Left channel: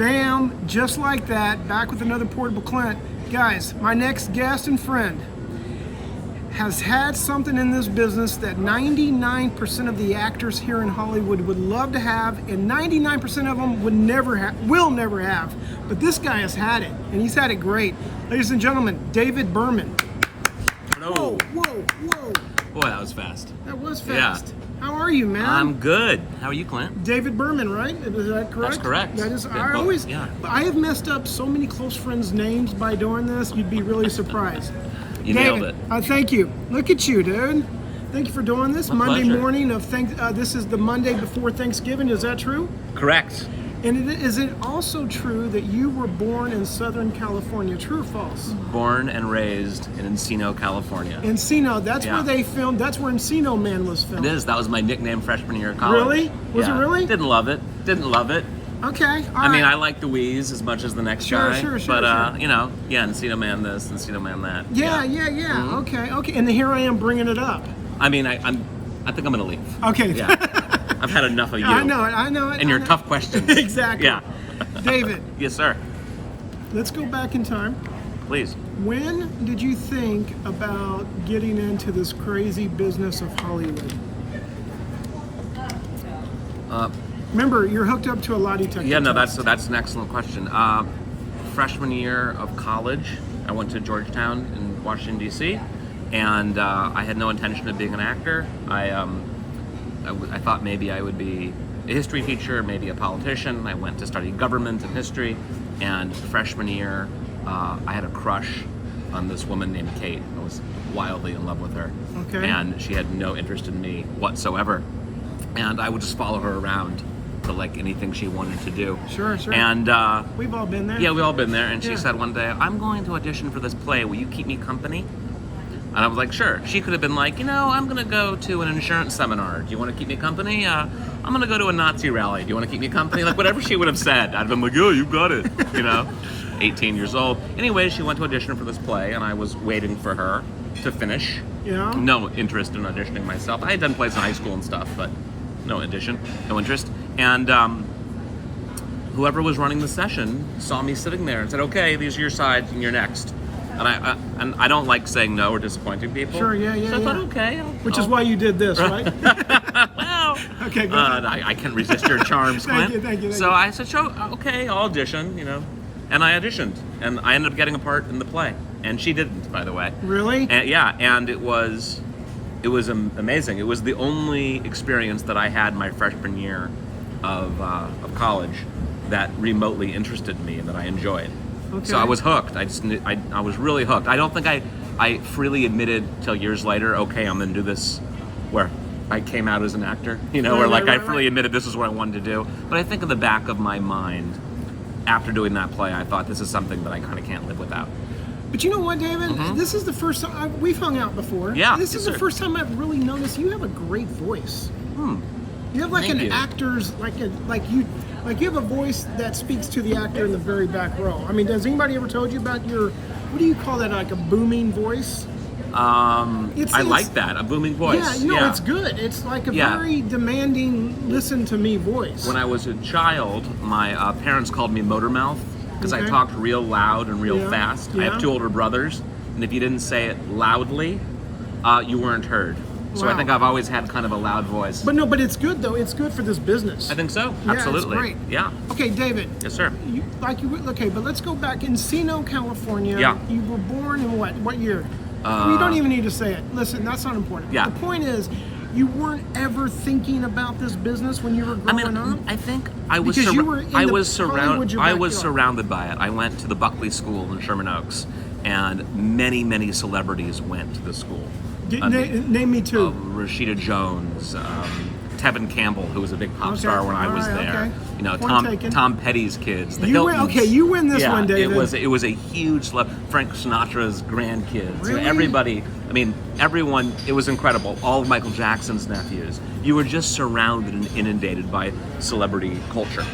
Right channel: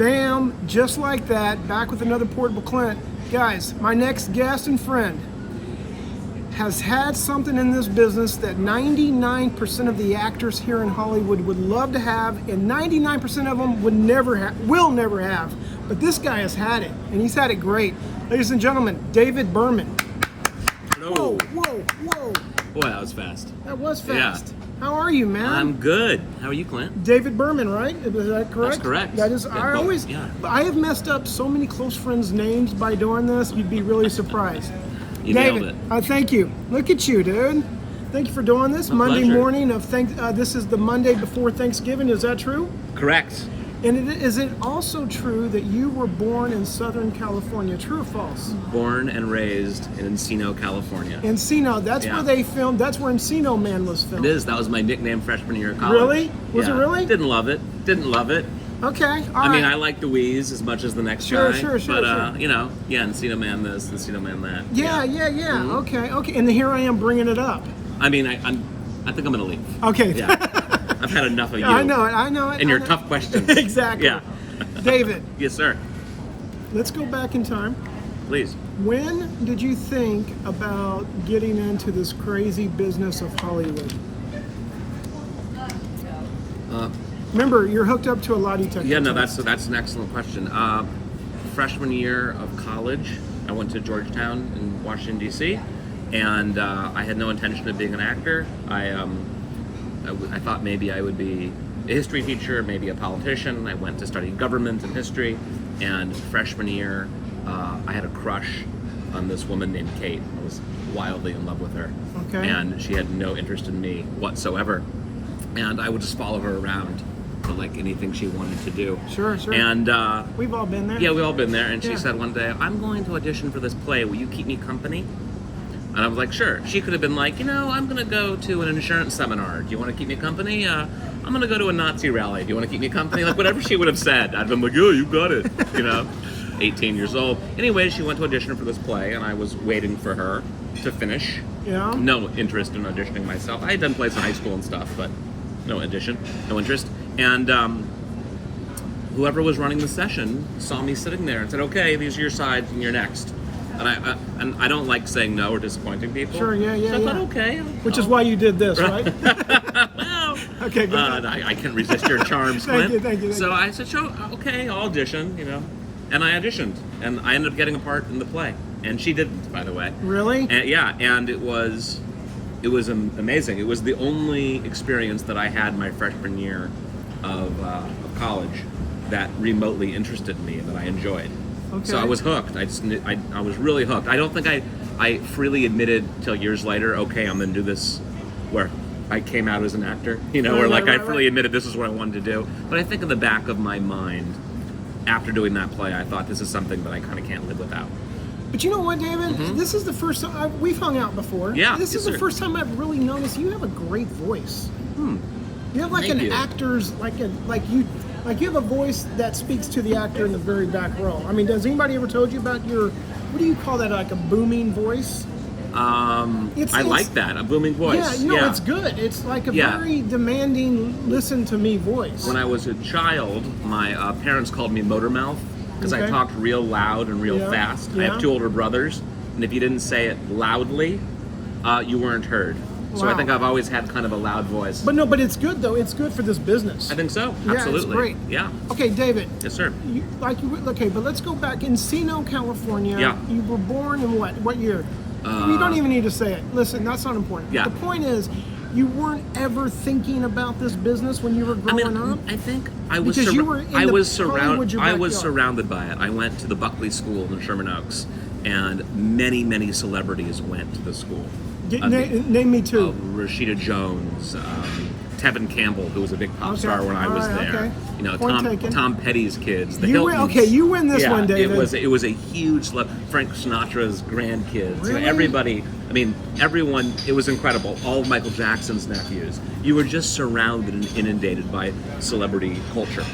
Bam, just like that, back with another Portable Clint. Guys, my next guest and friend has had something in this business that 99% of the actors here in Hollywood would love to have, and 99% of them will never have. But this guy has had it, and he's had it great. Ladies and gentlemen, David Berman. Hello. Whoa. Boy, that was fast. That was fast. Yeah. How are you, man? I'm good. How are you, Clint? David Berman, right? Is that correct? That's correct. That is. Yeah, both. I have messed up so many close friends' names by doing this. You'd be really surprised. You David, nailed it. Thank you. Look at you, dude. Thank you for doing this. My Monday pleasure. morning of this is the Monday before Thanksgiving. Is that true? Correct. And is it also true that you were born in Southern California? True or false? Born and raised in Encino, California. Encino. That's Yeah. where they filmed. That's where Encino Man was filmed. It is. That was my nickname freshman year of college. Really? Was it really? Didn't love it. Okay. All I mean, right. I like the Wheeze as much as the next Sure, guy. sure. But, you know, Encino Man this, Encino Man that. Yeah. Mhm. Okay. And here I am bringing it up. I mean, I think I'm going to leave. Okay. Yeah. I've had enough of you. I know it. And your tough questions. Exactly. Yeah. David, Yes, sir. let's go back in time. Please. When did you think about getting into this crazy business of Hollywood? Remember, you're hooked up to a lie detector Yeah, no, test. that's an excellent question. Freshman year of college, I went to Georgetown in Washington, D.C., and I had no intention of being an actor. I thought maybe I would be a history teacher, maybe a politician. I went to study government and history, and freshman year, I had a crush on this woman named Kate. I was wildly in love with her. Okay. And she had no interest in me whatsoever. And I would just follow her around for like anything she wanted to do. Sure. And We've all been there. yeah, we've all been there. And she Yeah. said one day, "I'm going to audition for this play. Will you keep me company?" And I was like, "Sure." She could have been like, I'm going to go to an insurance seminar. Do you want to keep me company? I'm going to go to a Nazi rally. Do you want to keep me company? Like whatever she would have said, I'd have been like, "Yeah, you got it." 18 years old. Anyway, she went to audition for this play, and I was waiting for her to finish. Yeah. No interest in auditioning myself. I had done plays in high school and stuff, but no interest. And whoever was running the session saw me sitting there and said, "Okay, these are your sides, and you're next." And I don't like saying no or disappointing people. Sure. Yeah. So I thought, okay. Which is why you did this, right? Well, Okay. Go ahead. I can resist your charms, Clint. Thank you. So I said, "Sure, okay, I'll audition." And I auditioned, and I ended up getting a part in the play, and she didn't, by the way. Really? And, yeah, and it was amazing. It was the only experience that I had my freshman year of college that remotely interested me and that I enjoyed. Okay. So I was hooked. I was really hooked. I don't think I freely admitted till years later, okay, I'm gonna do this, where I came out as an actor, I freely admitted this is what I wanted to do. But I think in the back of my mind, after doing that play, I thought this is something that I kind of can't live without. But you know what, David? This is the first time we've hung out before. Yeah, This is the first time I've really noticed you have a great voice. You have like Thank an you. actor's you have a voice that speaks to the actor in the very back row. I mean, does anybody ever told you about your, what do you call that? Like a booming voice? I like that, a booming voice. Yeah, it's good. It's like a Yeah. very demanding, listen to me voice. When I was a child, my parents called me Motor Mouth because I Okay. talked real loud and real Yeah, fast. I yeah. have two older brothers, and if you didn't say it loudly, you weren't heard. So Wow. I think I've always had kind of a loud voice. But it's good though. It's good for this business. I think so. Yeah, it's Absolutely. great. Yeah. Okay, David. Yes, sir. Okay, but let's go back. Encino, California. Yeah. You were born in what year? You don't even need to say it. Listen, that's not important. Yeah. The point is, you weren't ever thinking about this business when you were growing up? I think I was. Because you were in the Hollywood, your I was backyard. surrounded by it. I went to the Buckley School in Sherman Oaks, and many celebrities went to the school. Name me two. Rashida Jones, Tevin Campbell, who was a big pop Okay, star when I was all right, there. okay. Point taken. Tom Petty's kids. The You win. Hiltons. Okay, you win this Yeah, one, David. It was a huge Frank Sinatra's grandkids. Really? Everybody. I mean, everyone. It was incredible. All of Michael Jackson's nephews. You were just surrounded and inundated by celebrity culture.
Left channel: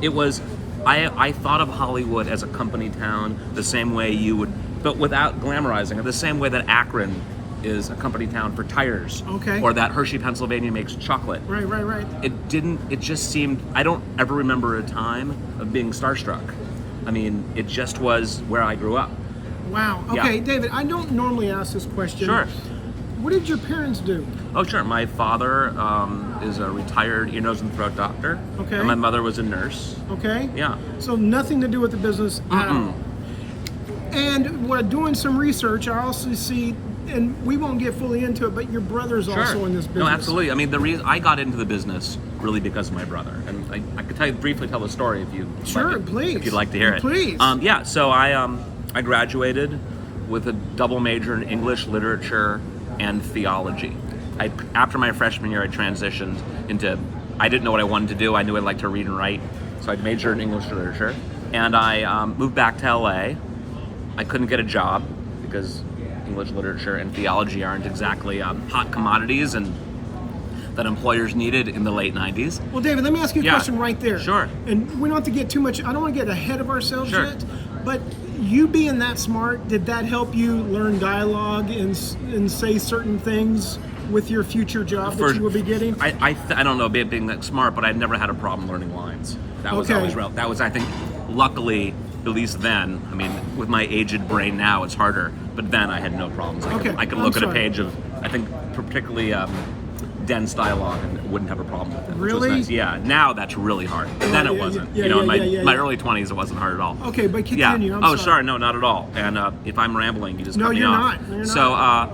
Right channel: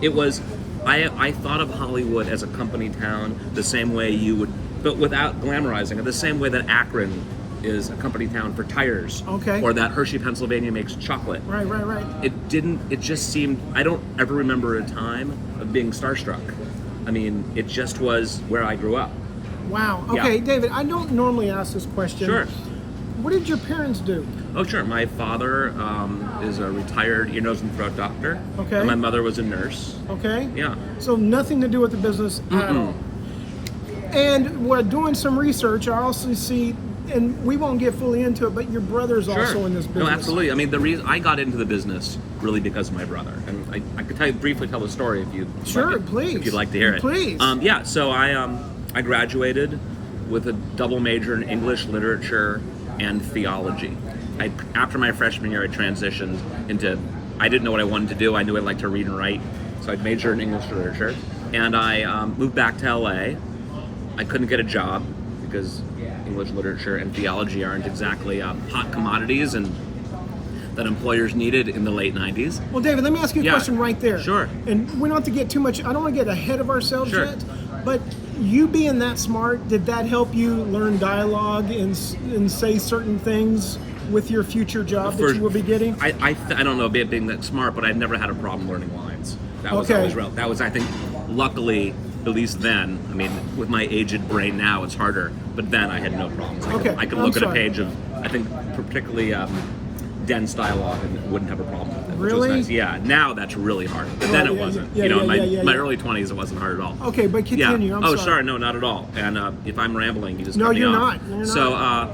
It was. I thought of Hollywood as a company town the same way you would, but without glamorizing it. The same way that Akron is a company town for tires. Okay. Or that Hershey, Pennsylvania makes chocolate. Right. It just seemed, I don't ever remember a time of being starstruck. I mean, it just was where I grew up. Wow. Yeah. Okay, David, I don't normally ask this question. Sure. What did your parents do? Oh, sure. My father is a retired ear, nose, and throat doctor. Okay. And my mother was a nurse. Okay. Yeah. So nothing to do with the business at all. And we're doing some research. I also see, and we won't get fully into it, but your brother's also in this business. No, absolutely. I mean, the reason I got into the business really because of my brother, and I could briefly tell the story if you please, if you'd like to hear it. Please. Yeah. So I graduated with a double major in English literature and theology. After my freshman year, I transitioned into, I didn't know what I wanted to do. I knew I'd like to read and write, so I majored in English literature, and I moved back to LA. I couldn't get a job because English literature and theology aren't exactly hot commodities and that employers needed in the late 90s. Well, David, let me ask you a question right there. Sure. And we don't have to get too much, I don't want to get ahead of ourselves Sure. yet, but you being that smart, did that help you learn dialogue and say certain things with your future job that you will be getting? I don't know about being that smart, but I've never had a problem learning lines. That was always real. That was, I think, luckily, at least then, I mean, with my aged brain now, it's harder, but then I had no problems. I could look at a page of, I think, particularly dense dialogue and wouldn't have a problem with it. Really? Which was nice. Yeah, now that's really hard. But then it wasn't. In my early 20s, it wasn't hard at all. Okay, but continue. Yeah. I'm sorry. No, not at all. And if I'm rambling, you just No, cut me you're off. not. You're So not.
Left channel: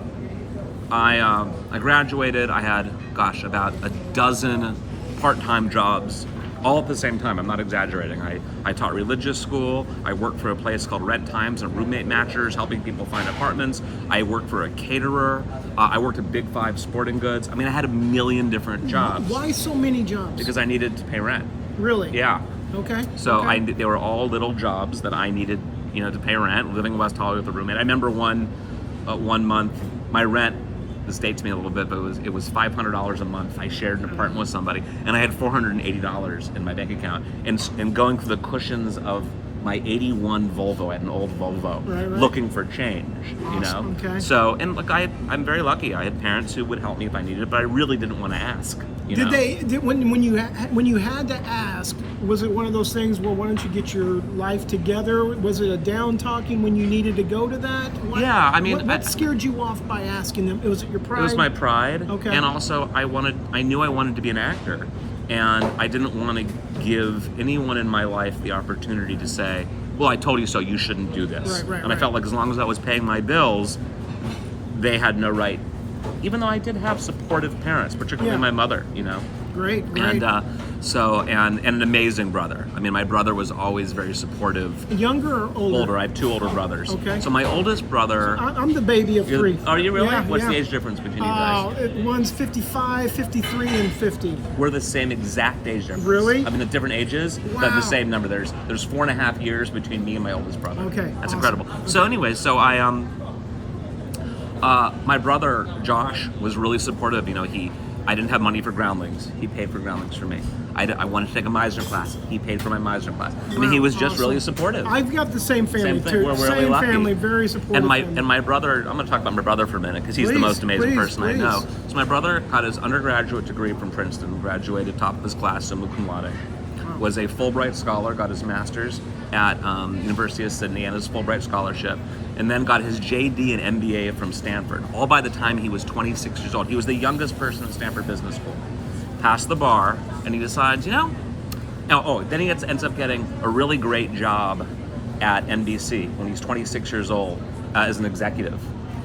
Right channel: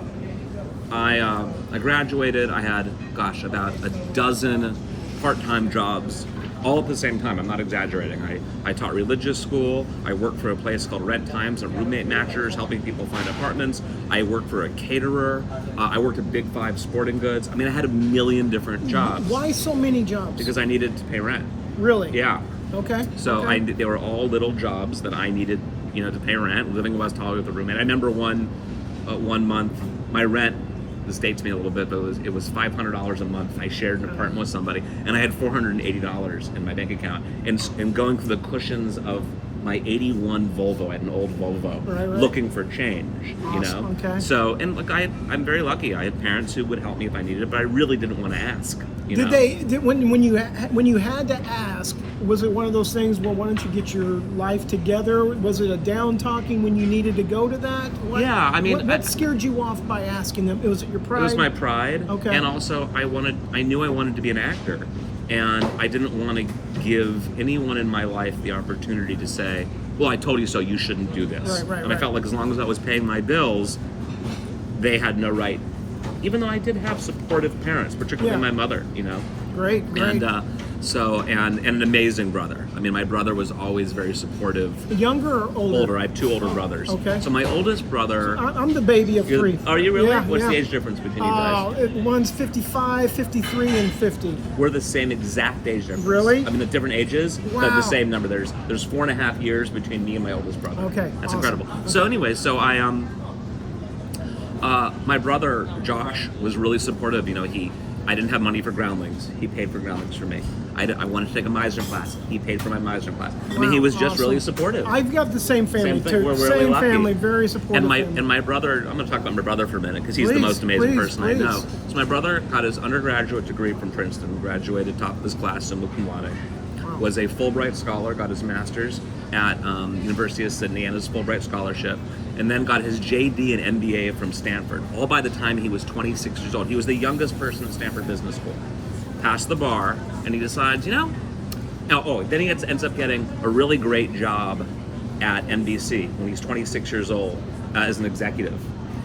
I graduated. I had, about a dozen part-time jobs all at the same time. I'm not exaggerating. I taught religious school. I worked for a place called Rent Times and roommate matchers, helping people find apartments. I worked for a caterer. I worked at Big Five Sporting Goods. I mean, I had a million different jobs. Why so many jobs? Because I needed to pay rent. Really? Yeah. Okay. So okay. they were all little jobs that I needed, to pay rent. Living in West Hollywood with a roommate. I remember one month, my rent, this dates me a little bit, but it was $500 a month. I shared an apartment with somebody, and I had $480 in my bank account. And going through the cushions of my '81 Volvo, I had an old Volvo, right. looking for change. Awesome. Okay. So, and look, I'm very lucky. I had parents who would help me if I needed it, but I really didn't want to ask. When you had to ask, was it one of those things? Well, why don't you get your life together? Was it a down talking when you needed to go to that? Yeah, I mean, what scared you off by asking them? Was it your pride? It was my pride. Okay. And also, I knew I wanted to be an actor, and I didn't want to give anyone in my life the opportunity to say, "Well, I told you so. You shouldn't do this." Right. I felt like as long as I was paying my bills, they had no right. Even though I did have supportive parents, particularly my mother, Great. And and an amazing brother. I mean, my brother was always very supportive. Younger or older? Older. I have two older brothers. Okay. So my oldest brother. I'm the baby of three. Are you really? Yeah, What's the age difference between you guys? One's 55, 53, and 50. We're the same exact age difference. Really? I mean, at different ages, Wow. but the same number. There's 4.5 years between me and my oldest brother. Okay. That's awesome. incredible. Okay. So anyway, my brother Josh was really supportive. I didn't have money for groundlings. He paid for groundlings for me. I wanted to take a Meisner class. He paid for my Meisner class. I mean, he was just really supportive. I've got the same family Same thing. too. We're really same lucky. family, very supportive. And my brother, I'm going to talk about my brother for a minute because he's the most amazing person I know. So my brother got his undergraduate degree from Princeton, graduated top of his class in cum laude. Wow. Was a Fulbright scholar, got his master's at University of Sydney and his Fulbright scholarship, and then got his JD and MBA from Stanford, all by the time he was 26 years old. He was the youngest person in Stanford Business School. Passed the bar, and he decides, then he ends up getting a really great job at NBC when he's 26 years old as an executive,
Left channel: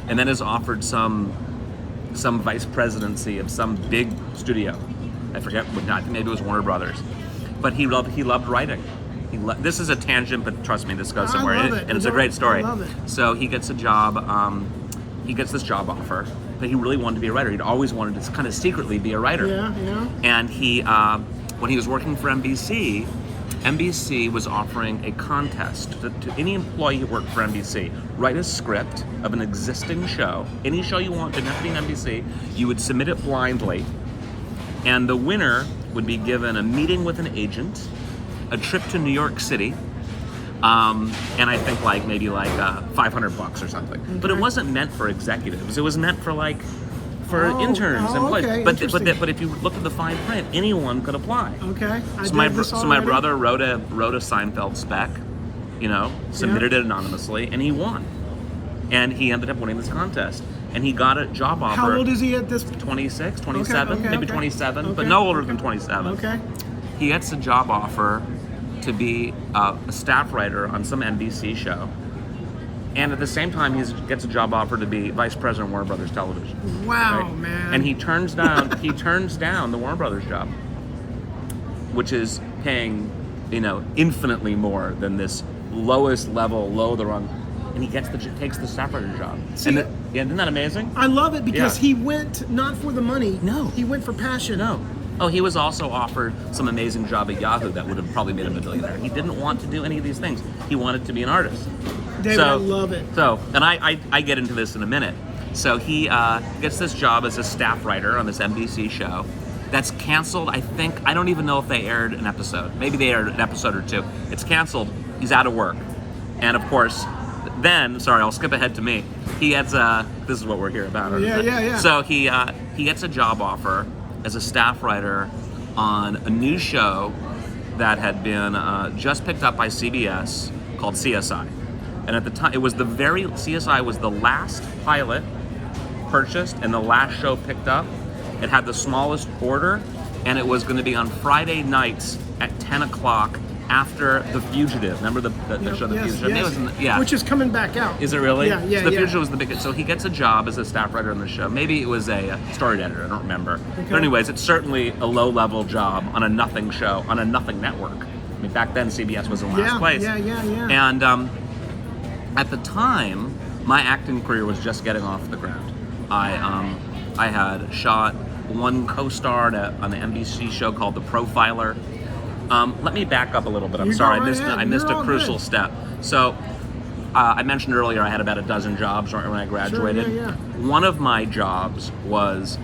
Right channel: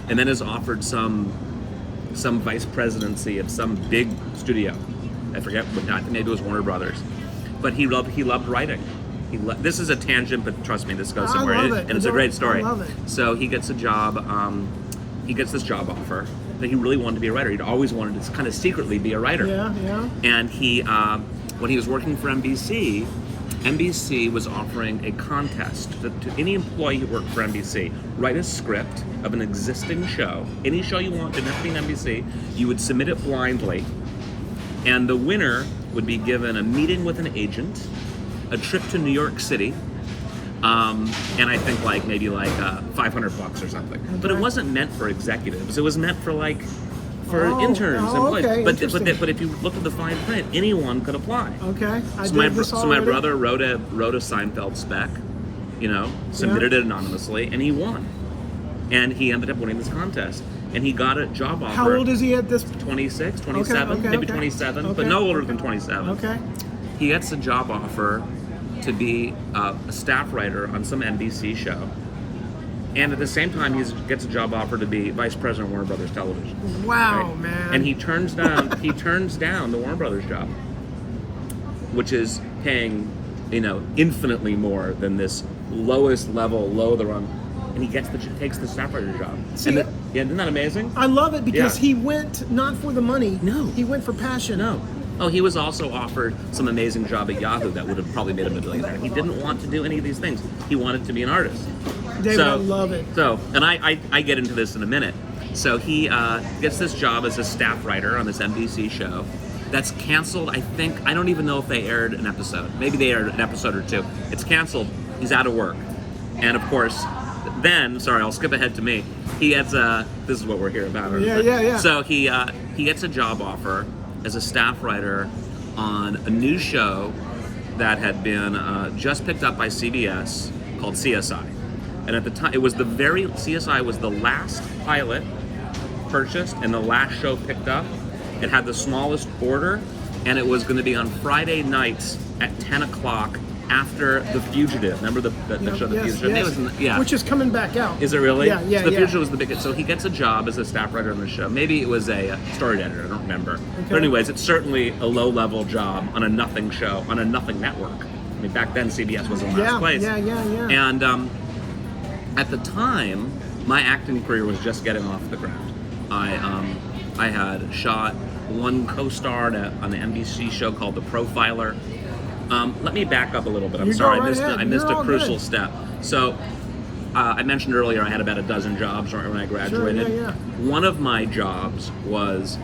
and then is offered some vice presidency of some big studio. I forget what, I think maybe it was Warner Brothers. But he loved writing. This is a tangent, but trust me, this goes somewhere. I love it. And it's a great story. I love it. So he gets a job. He gets this job offer, but he really wanted to be a writer. He'd always wanted to kind of secretly be a writer. Yeah. And he, when he was working for NBC, NBC was offering a contest to any employee who worked for NBC. Write a script of an existing show, any show you want, didn't have to be NBC. You would submit it blindly, and the winner would be given a meeting with an agent, a trip to New York City, and I think like maybe like $500 or something. But it Okay. wasn't meant for executives. It was meant for like interns and employees. okay, interesting. But if you look at the fine print, anyone could apply. Okay, I So did this my already. brother wrote a Seinfeld spec, submitted it anonymously, and he won. And he ended up winning this contest. And he got a job offer. How old is he at this? 26, 27, Okay, maybe okay. 27, but Okay, no older okay. than 27. Okay. He gets a job offer to be a staff writer on some NBC show. And at the same time, he gets a job offer to be vice president of Warner Brothers Television. Wow, Right? man. And he turns down the Warner Brothers job, which is paying, infinitely more than this lowest level, low the rung. And he takes the staff writer job. See, isn't that amazing? I love it because Yeah. he went not for the money. No. He went for passion. No. Oh, he was also offered some amazing job at Yahoo that would have probably made him a billionaire. He didn't want to do any of these things. He wanted to be an artist. David, I love it. So, and I get into this in a minute. So he gets this job as a staff writer on this NBC show that's canceled. I think, I don't even know if they aired an episode. Maybe they aired an episode or two. It's canceled. He's out of work. And of course, then, sorry, I'll skip ahead to me. He gets, this is what we're here about. Yeah. So he gets a job offer as a staff writer on a new show that had been just picked up by CBS called CSI. And at the time, CSI was the last pilot purchased and the last show picked up. It had the smallest order, and it was going to be on Friday nights at 10 o'clock after The Fugitive. Remember the show The Yes, Fugitive? yes. Which is coming back out. Is it really? Yeah. So The Fugitive was the biggest. So he gets a job as a staff writer on the show. Maybe it was a story editor. I don't remember. Okay. But anyways, it's certainly a low-level job on a nothing show, on a nothing network. I mean, back then CBS was in last place. Yeah. And at the time, my acting career was just getting off the ground. I had shot one co-starred on an NBC show called The Profiler. Let me back up a little bit. I'm You sorry, go right I ahead. missed You're a all crucial good. step. So I mentioned earlier I had about a dozen jobs when I graduated. Sure, yeah. One of my jobs was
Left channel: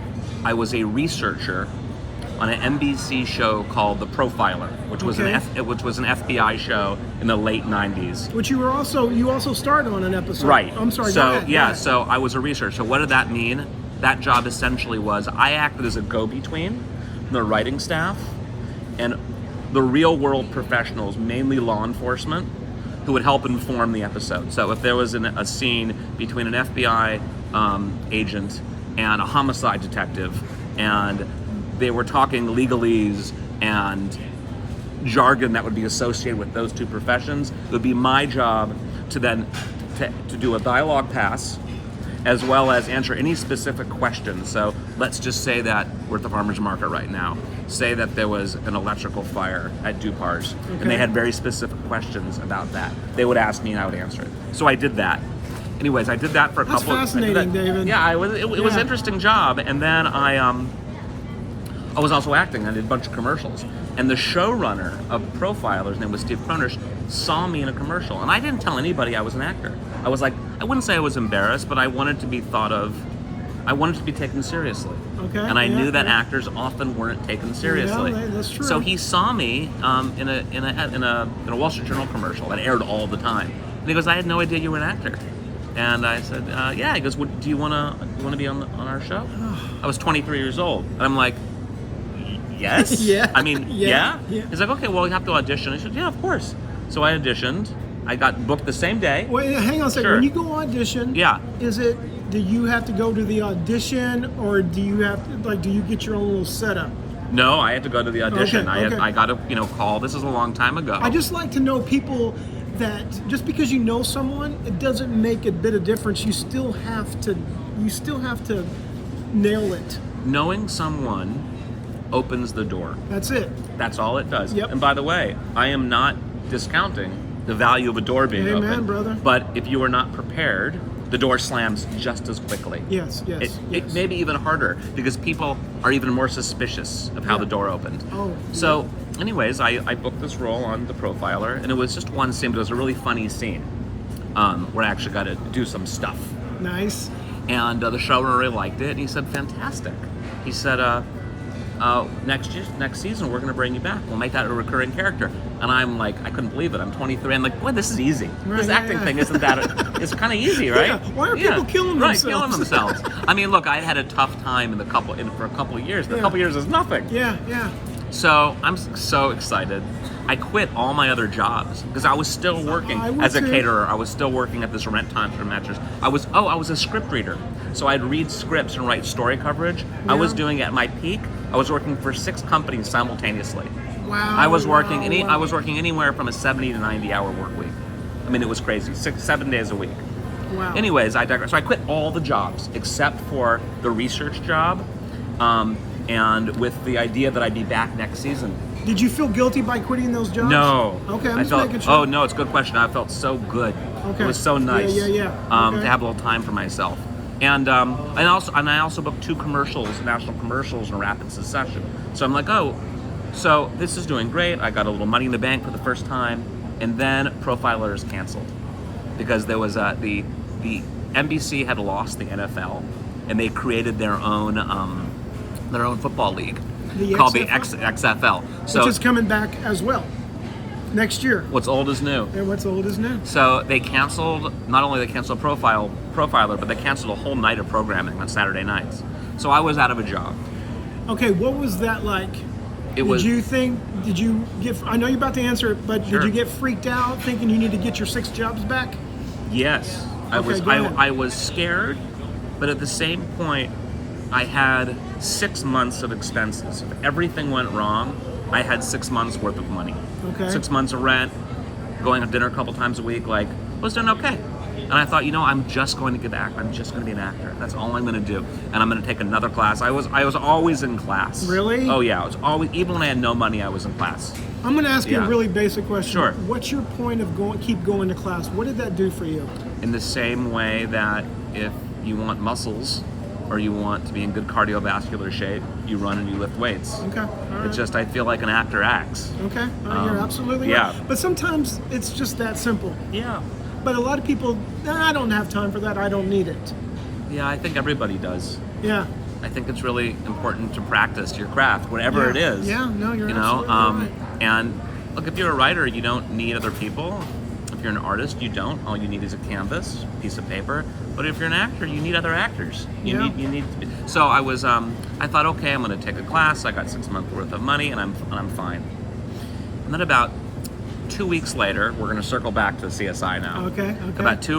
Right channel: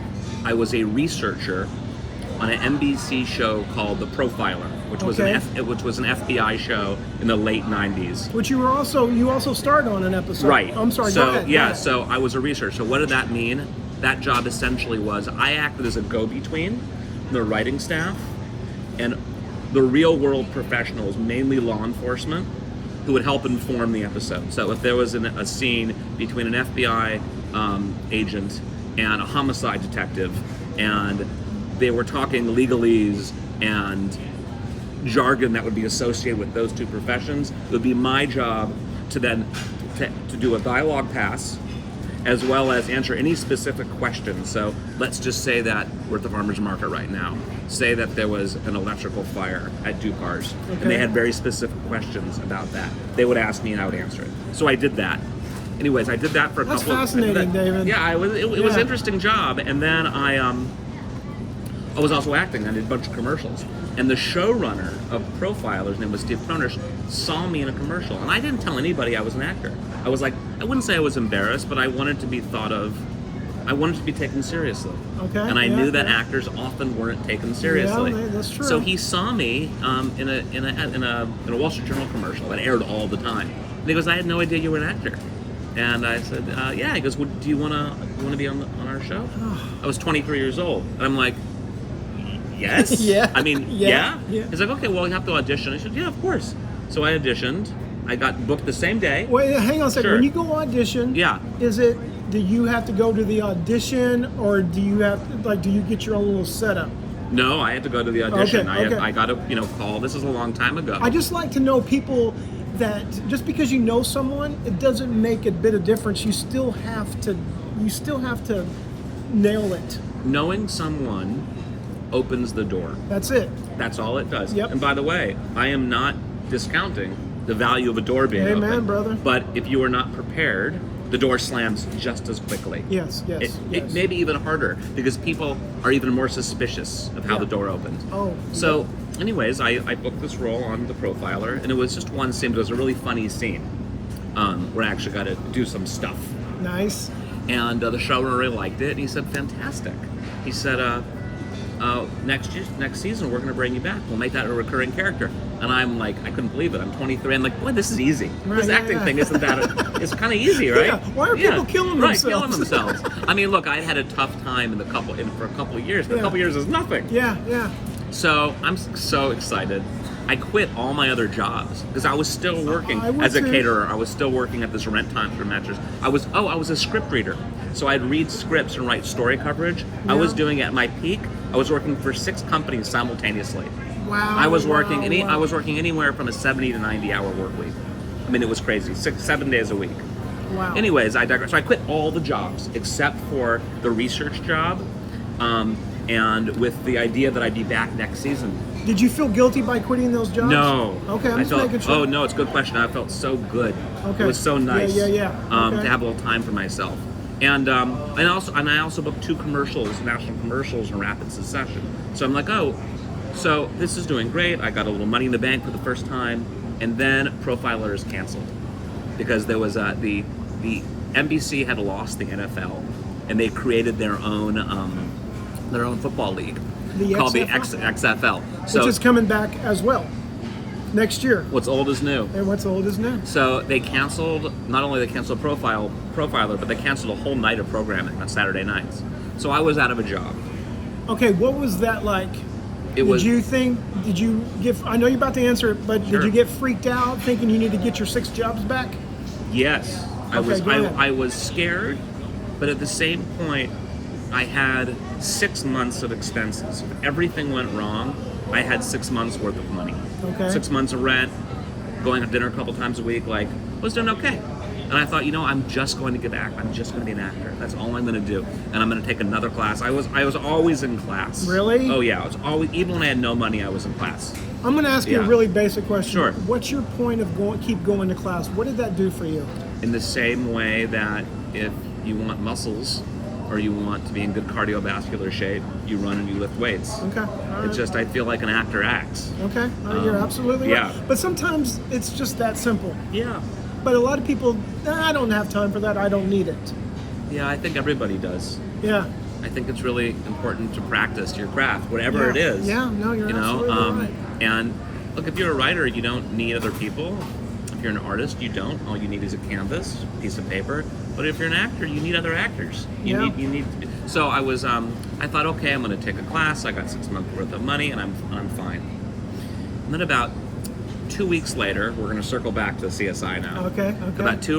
I was a researcher on an NBC show called The Profiler, which was an FBI show in the late 90s. Which you also starred on an episode. Right. I'm sorry. So go ahead. yeah, so I was a researcher. So what did that mean? That job essentially was I acted as a go-between the writing staff and the real-world professionals, mainly law enforcement, who would help inform the episode. So if there was a scene between an FBI agent and a homicide detective, and they were talking legalese and jargon that would be associated with those two professions, it would be my job to then to do a dialogue pass, as well as answer any specific questions. So let's just say that we're at the farmer's market right now. Say that there was an electrical fire at Dupar's, and they had very specific questions about that. They would ask me and I would answer it. So I did that. Anyways, I did that for a That's couple. fascinating, David. Yeah, it was an interesting job. And then I was also acting. I did a bunch of commercials. And the showrunner of Profiler's name was Steve Croners, saw me in a commercial. And I didn't tell anybody I was an actor. I was like, I wouldn't say I was embarrassed, but I wanted to be thought of, I wanted to be taken seriously. Okay. And I knew that actors often weren't taken seriously. Yeah, that's true. So he saw me in a Wall Street Journal commercial that aired all the time. And he goes, I had no idea you were an actor. And I said, yeah. He goes, do you want to be on our show? I was 23 years old. And I'm like, yes. Yeah. I mean, Yeah. He's like, okay, well, we have to audition. I said, yeah, of course. So I auditioned. I got booked the same day. Wait, hang on a second. Sure. When you go audition, Yeah. Do you have to go to the audition, or do you get your own little setup? No, I had to go to the audition. Okay. I got a call. This is a long time ago. I just like to know people that just because you know someone, it doesn't make a bit of difference. You still have to nail it. Knowing someone opens the door. That's it. That's all it does. Yep. And by the way, I am not discounting the value of a door being open. Amen, brother. But if you are not prepared, the door slams just as quickly. Yes. It may be even harder because people are even more suspicious of how the door opened. Oh. So, anyways, I booked this role on The Profiler, and it was just one scene, but it was a really funny scene where I actually got to do some stuff. Nice. And the showrunner really liked it, and he said, fantastic. He said, next season we're going to bring you back. We'll make that a recurring character. And I'm like, I couldn't believe it. I'm 23. I'm like, boy, this is easy. This acting thing isn't that? It's kind of easy, right? Yeah. Why are people killing themselves? Right, killing themselves. I mean, look, I'd had a tough time for a couple of years. But a couple of years is nothing. Yeah, yeah. So I'm so excited. I quit all my other jobs because I was still working as a caterer. I was still working at this rent time for matches. I was a script reader. So I'd read scripts and write story coverage. Yeah. I was doing at my peak. I was working for 6 companies simultaneously. Wow. I was working I was working anywhere from a 70 to 90 hour work week. I mean, it was crazy. 7 days a week. Wow. Anyways, I digress. So I quit all the jobs except for the research job. And with the idea that I'd be back next season. Did you feel guilty by quitting those jobs? No. Okay, I'm just making sure. Oh no, it's a good question. I felt so good. Okay. It was so nice. Yeah. Okay. To have a little time for myself. And I also booked 2 commercials, national commercials in rapid succession. So I'm like, oh, so this is doing great. I got a little money in the bank for the first time, and then Profiler is canceled because there was the NBC had lost the NFL, and they created their own football league called the XFL, which is coming back as well next year. What's old is new. And what's old is new. So they canceled, not only they canceled Profiler, but they canceled a whole night of programming on Saturday nights. So I was out of a job. Okay, what was that like? Did you get, I know you're about to answer it, but Sure. Did you get freaked out thinking you need to get your 6 jobs back? Yes. Go ahead. I was scared, but at the same point, I had 6 months of expenses. If everything went wrong, I had 6 months worth of money. Okay. 6 months of rent, going to dinner a couple times a week, I was doing okay. And I thought, I'm just going to get back. I'm just going to be an actor. That's all I'm going to do. And I'm going to take another class. I was always in class. Really? Oh yeah, it's always, even when I had no money, I was in class. I'm going to ask you a really basic question. Sure. What's your point of keep going to class? What did that do for you? In the same way that if you want muscles, or you want to be in good cardiovascular shape, you run and you lift weights. Okay. All right. It's just, I feel like an actor acts. Okay. You're absolutely right. Yeah. But sometimes it's just that simple. Yeah. But a lot of people, I don't have time for that. I don't need it. Yeah, I think everybody does. Yeah. I think it's really important to practice your craft, whatever it is. Yeah, no, you're absolutely right. And look, if you're a writer, you don't need other people. If you're an artist, you don't. All you need is a canvas, a piece of paper. But if you're an actor, you need other actors. You need to be. So I was, I thought, okay, I'm going to take a class. I got 6 months worth of money, and I'm fine. And then about 2 weeks later, we're going to circle back to CSI now. Okay. About 3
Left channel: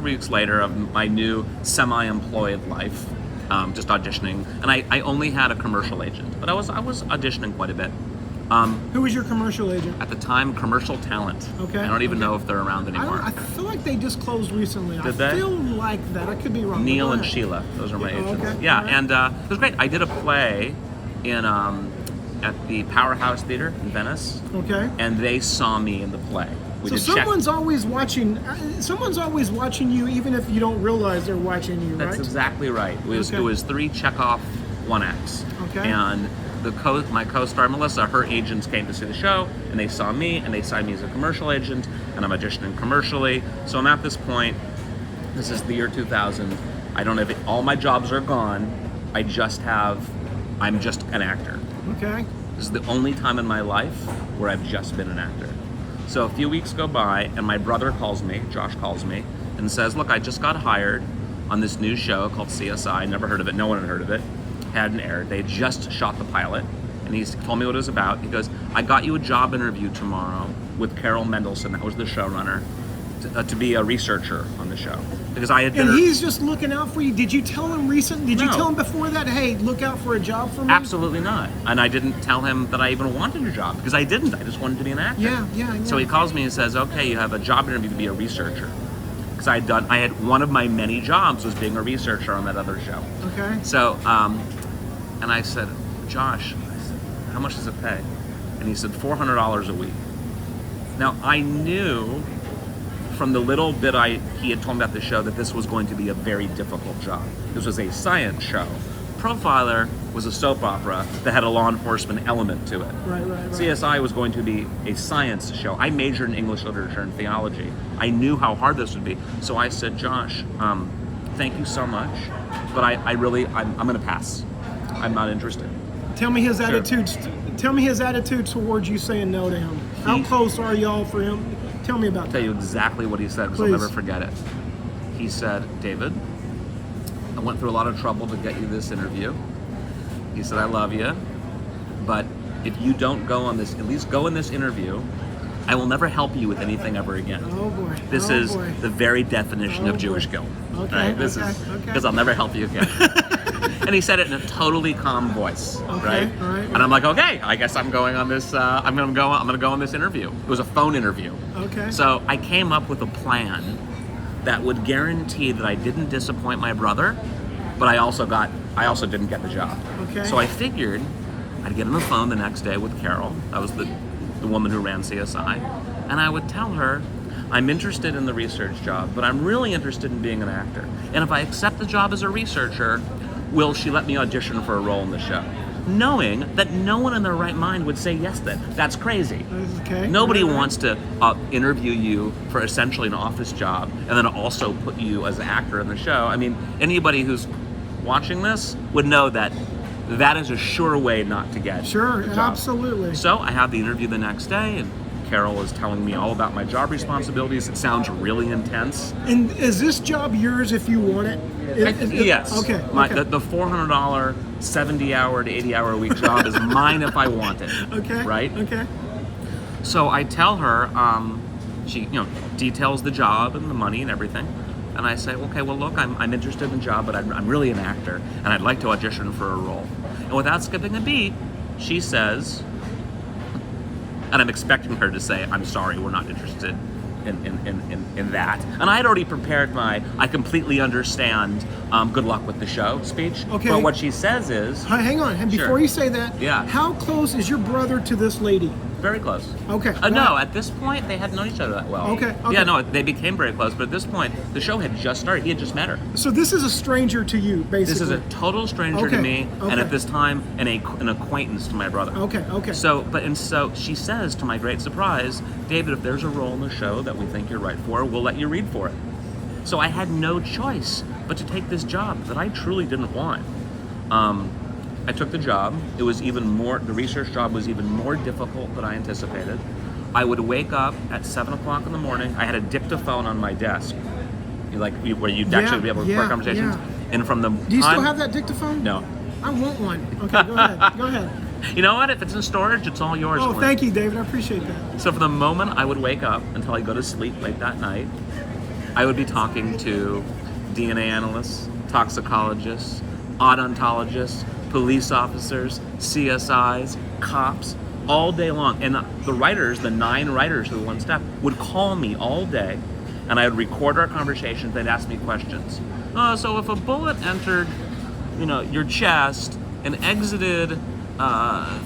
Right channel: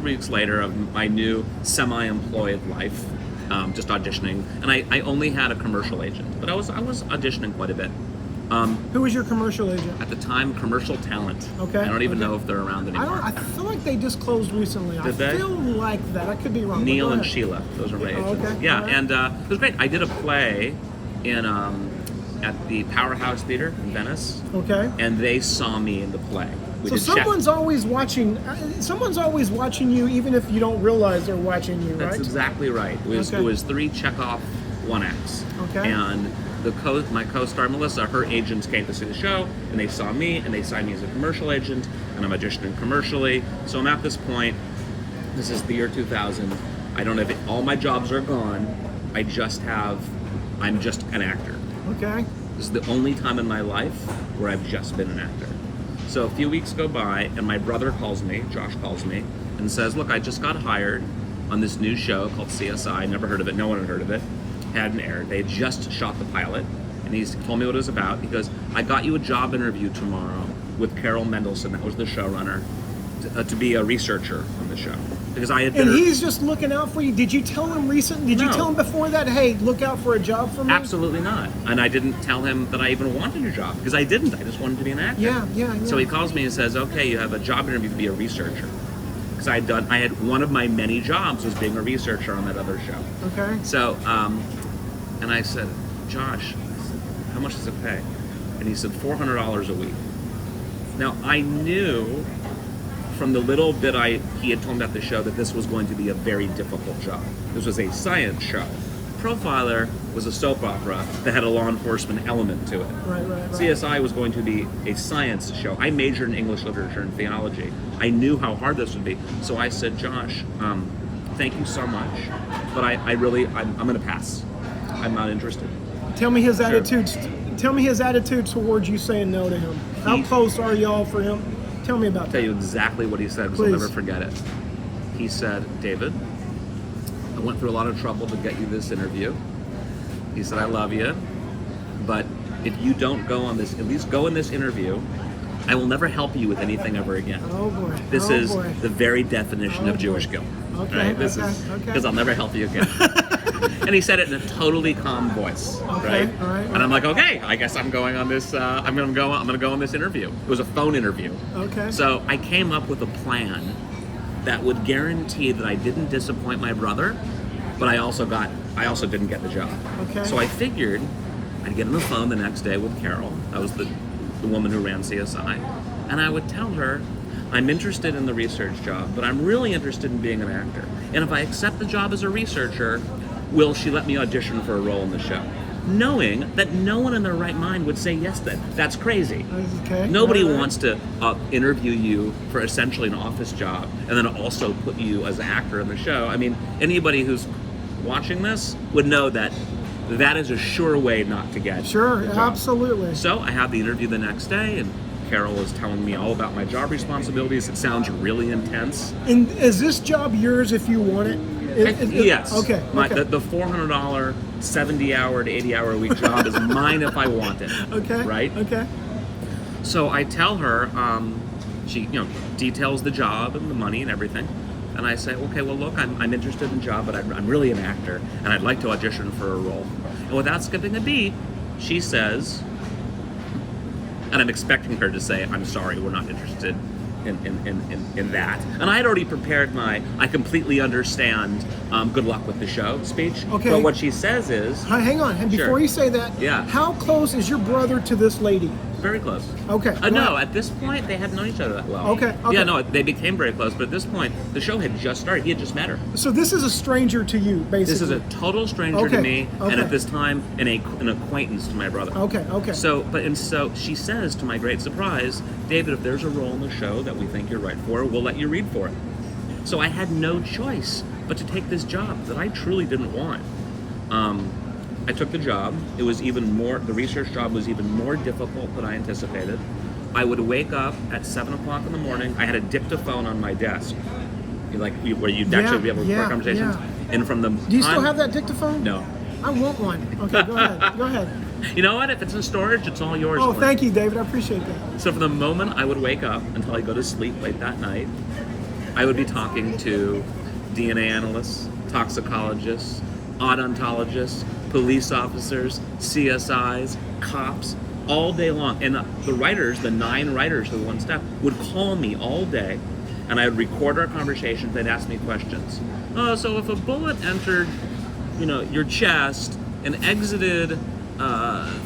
weeks later of my new semi-employed life, just auditioning, and I only had a commercial agent, but I was auditioning quite a bit. Who was your commercial agent? At the time, Commercial Talent. Okay. I don't even know if they're around anymore. I feel like they just closed recently. Did they? I feel like that. I could be wrong. Neil and Sheila, those are my agents. Okay. Yeah, Right. and it was great. I did a play in at the Powerhouse Theater in Venice. Okay. And they saw me in the play. So someone's always watching. Someone's always watching you, even if you don't realize they're watching you, right? That's exactly right. It was 3 Chekhov 1-acts. Okay. And my co-star Melissa, her agents came to see the show, and they saw me, and they signed me as a commercial agent, and I'm auditioning commercially. So I'm at this point. This is the year 2000. I don't have all my jobs are gone. I'm just an actor. Okay. This is the only time in my life where I've just been an actor. So a few weeks go by, and my brother calls me, Josh calls me, and says, look, I just got hired on this new show called CSI. Never heard of it. No one had heard of it. Hadn't aired. They had just shot the pilot, and he told me what it was about. He goes, I got you a job interview tomorrow with Carol Mendelsohn, that was the showrunner, to be a researcher on the show. Because I had been... And he's just looking out for you. Did you tell him recently? Did you tell him before that, hey, look out for a job for me? Absolutely not. And I didn't tell him that I even wanted a job, because I didn't. I just wanted to be an actor. Yeah. So he calls me and says, okay, you have a job interview to be a researcher. Because I had one of my many jobs was being a researcher on that other show. Okay. So, and I said, Josh, how much does it pay? And he said, $400 a week. Now, I knew from the little bit he had told me about the show that this was going to be a very difficult job. This was a science show. Profiler was a soap opera that had a law enforcement element to it. Right. CSI was going to be a science show. I majored in English literature and theology. I knew how hard this would be. So I said, Josh, thank you so much, but I'm going to pass. I'm not interested. Tell me his Sure. attitude. Tell me his attitude towards you saying no to him. How close are y'all for him? Tell me about I'll tell that. you exactly what he said because I'll Please. never forget it. He said, David, I went through a lot of trouble to get you this interview. He said, I love you, but if you don't go on this, at least go in this interview, I will never help you with anything ever again. Oh boy. This oh is boy. the very definition Oh, of Jewish boy. guilt. Okay. Right? This okay. is okay. because I'll never help you again. And he said it in a totally calm voice. Okay, Right? all right. And I'm like, okay, I guess I'm going on this. I'm gonna go on this interview. It was a phone interview. Okay. So I came up with a plan that would guarantee that I didn't disappoint my brother, but I also didn't get the job. Okay. So I figured I'd get on the phone the next day with Carol. That was the woman who ran CSI, and I would tell her, I'm interested in the research job, but I'm really interested in being an actor. And if I accept the job as a researcher, will she let me audition for a role in the show? Knowing that no one in their right mind would say yes then. That's crazy. Okay. Nobody all right. wants to interview you for essentially an office job and then also put you as an actor in the show. I mean, anybody who's watching this would know that that is a sure way not to get Sure. the job. Absolutely. So I had the interview the next day, and Carol was telling me all about my job responsibilities. It sounds really intense. And is this job yours if you want it? Yes. Okay. The $400, 70-hour to 80-hour a week job is mine if I want it. Okay. Right? Okay. So I tell her, she details the job and the money and everything. And I say, okay, well, look, I'm interested in the job, but I'm really an actor, and I'd like to audition for a role. And without skipping a beat, she says, and I'm expecting her to say, I'm sorry, we're not interested in that. And I had already prepared my, I completely understand, good luck with the show speech. Okay. But what she says is, Hang on. And before Sure. you say that, Yeah. how close is your brother to this lady? very close. Okay. No, at this point, they hadn't known each other that well. Okay. Yeah, no, they became very close, but at this point, the show had just started. He had just met her. So this is a stranger to you, basically. This is a total stranger Okay, to me, and okay. at this time, an acquaintance to my brother. Okay. Okay. So she says, to my great surprise, David, if there's a role in the show that we think you're right for, we'll let you read for it. So I had no choice but to take this job that I truly didn't want. I took the job. It was the research job was even more difficult than I anticipated. I would wake up at 7 o'clock in the morning. I had a dictaphone on my desk, where you'd actually be able to record conversations. Yeah. And from the Do you still have that dictaphone? No. I want one. Okay, go ahead. Go ahead. You know what? If it's in storage, it's all yours. Oh, Clint. thank you, David. I appreciate that. So from the moment I would wake up until I go to sleep late that night, I would be talking to DNA analysts, toxicologists, odontologists, police officers, CSIs, cops, all day long. And the writers, the 9 writers who were on staff, would call me all day, and I would record our conversations. They'd ask me questions. Oh, so if a bullet entered, your chest and exited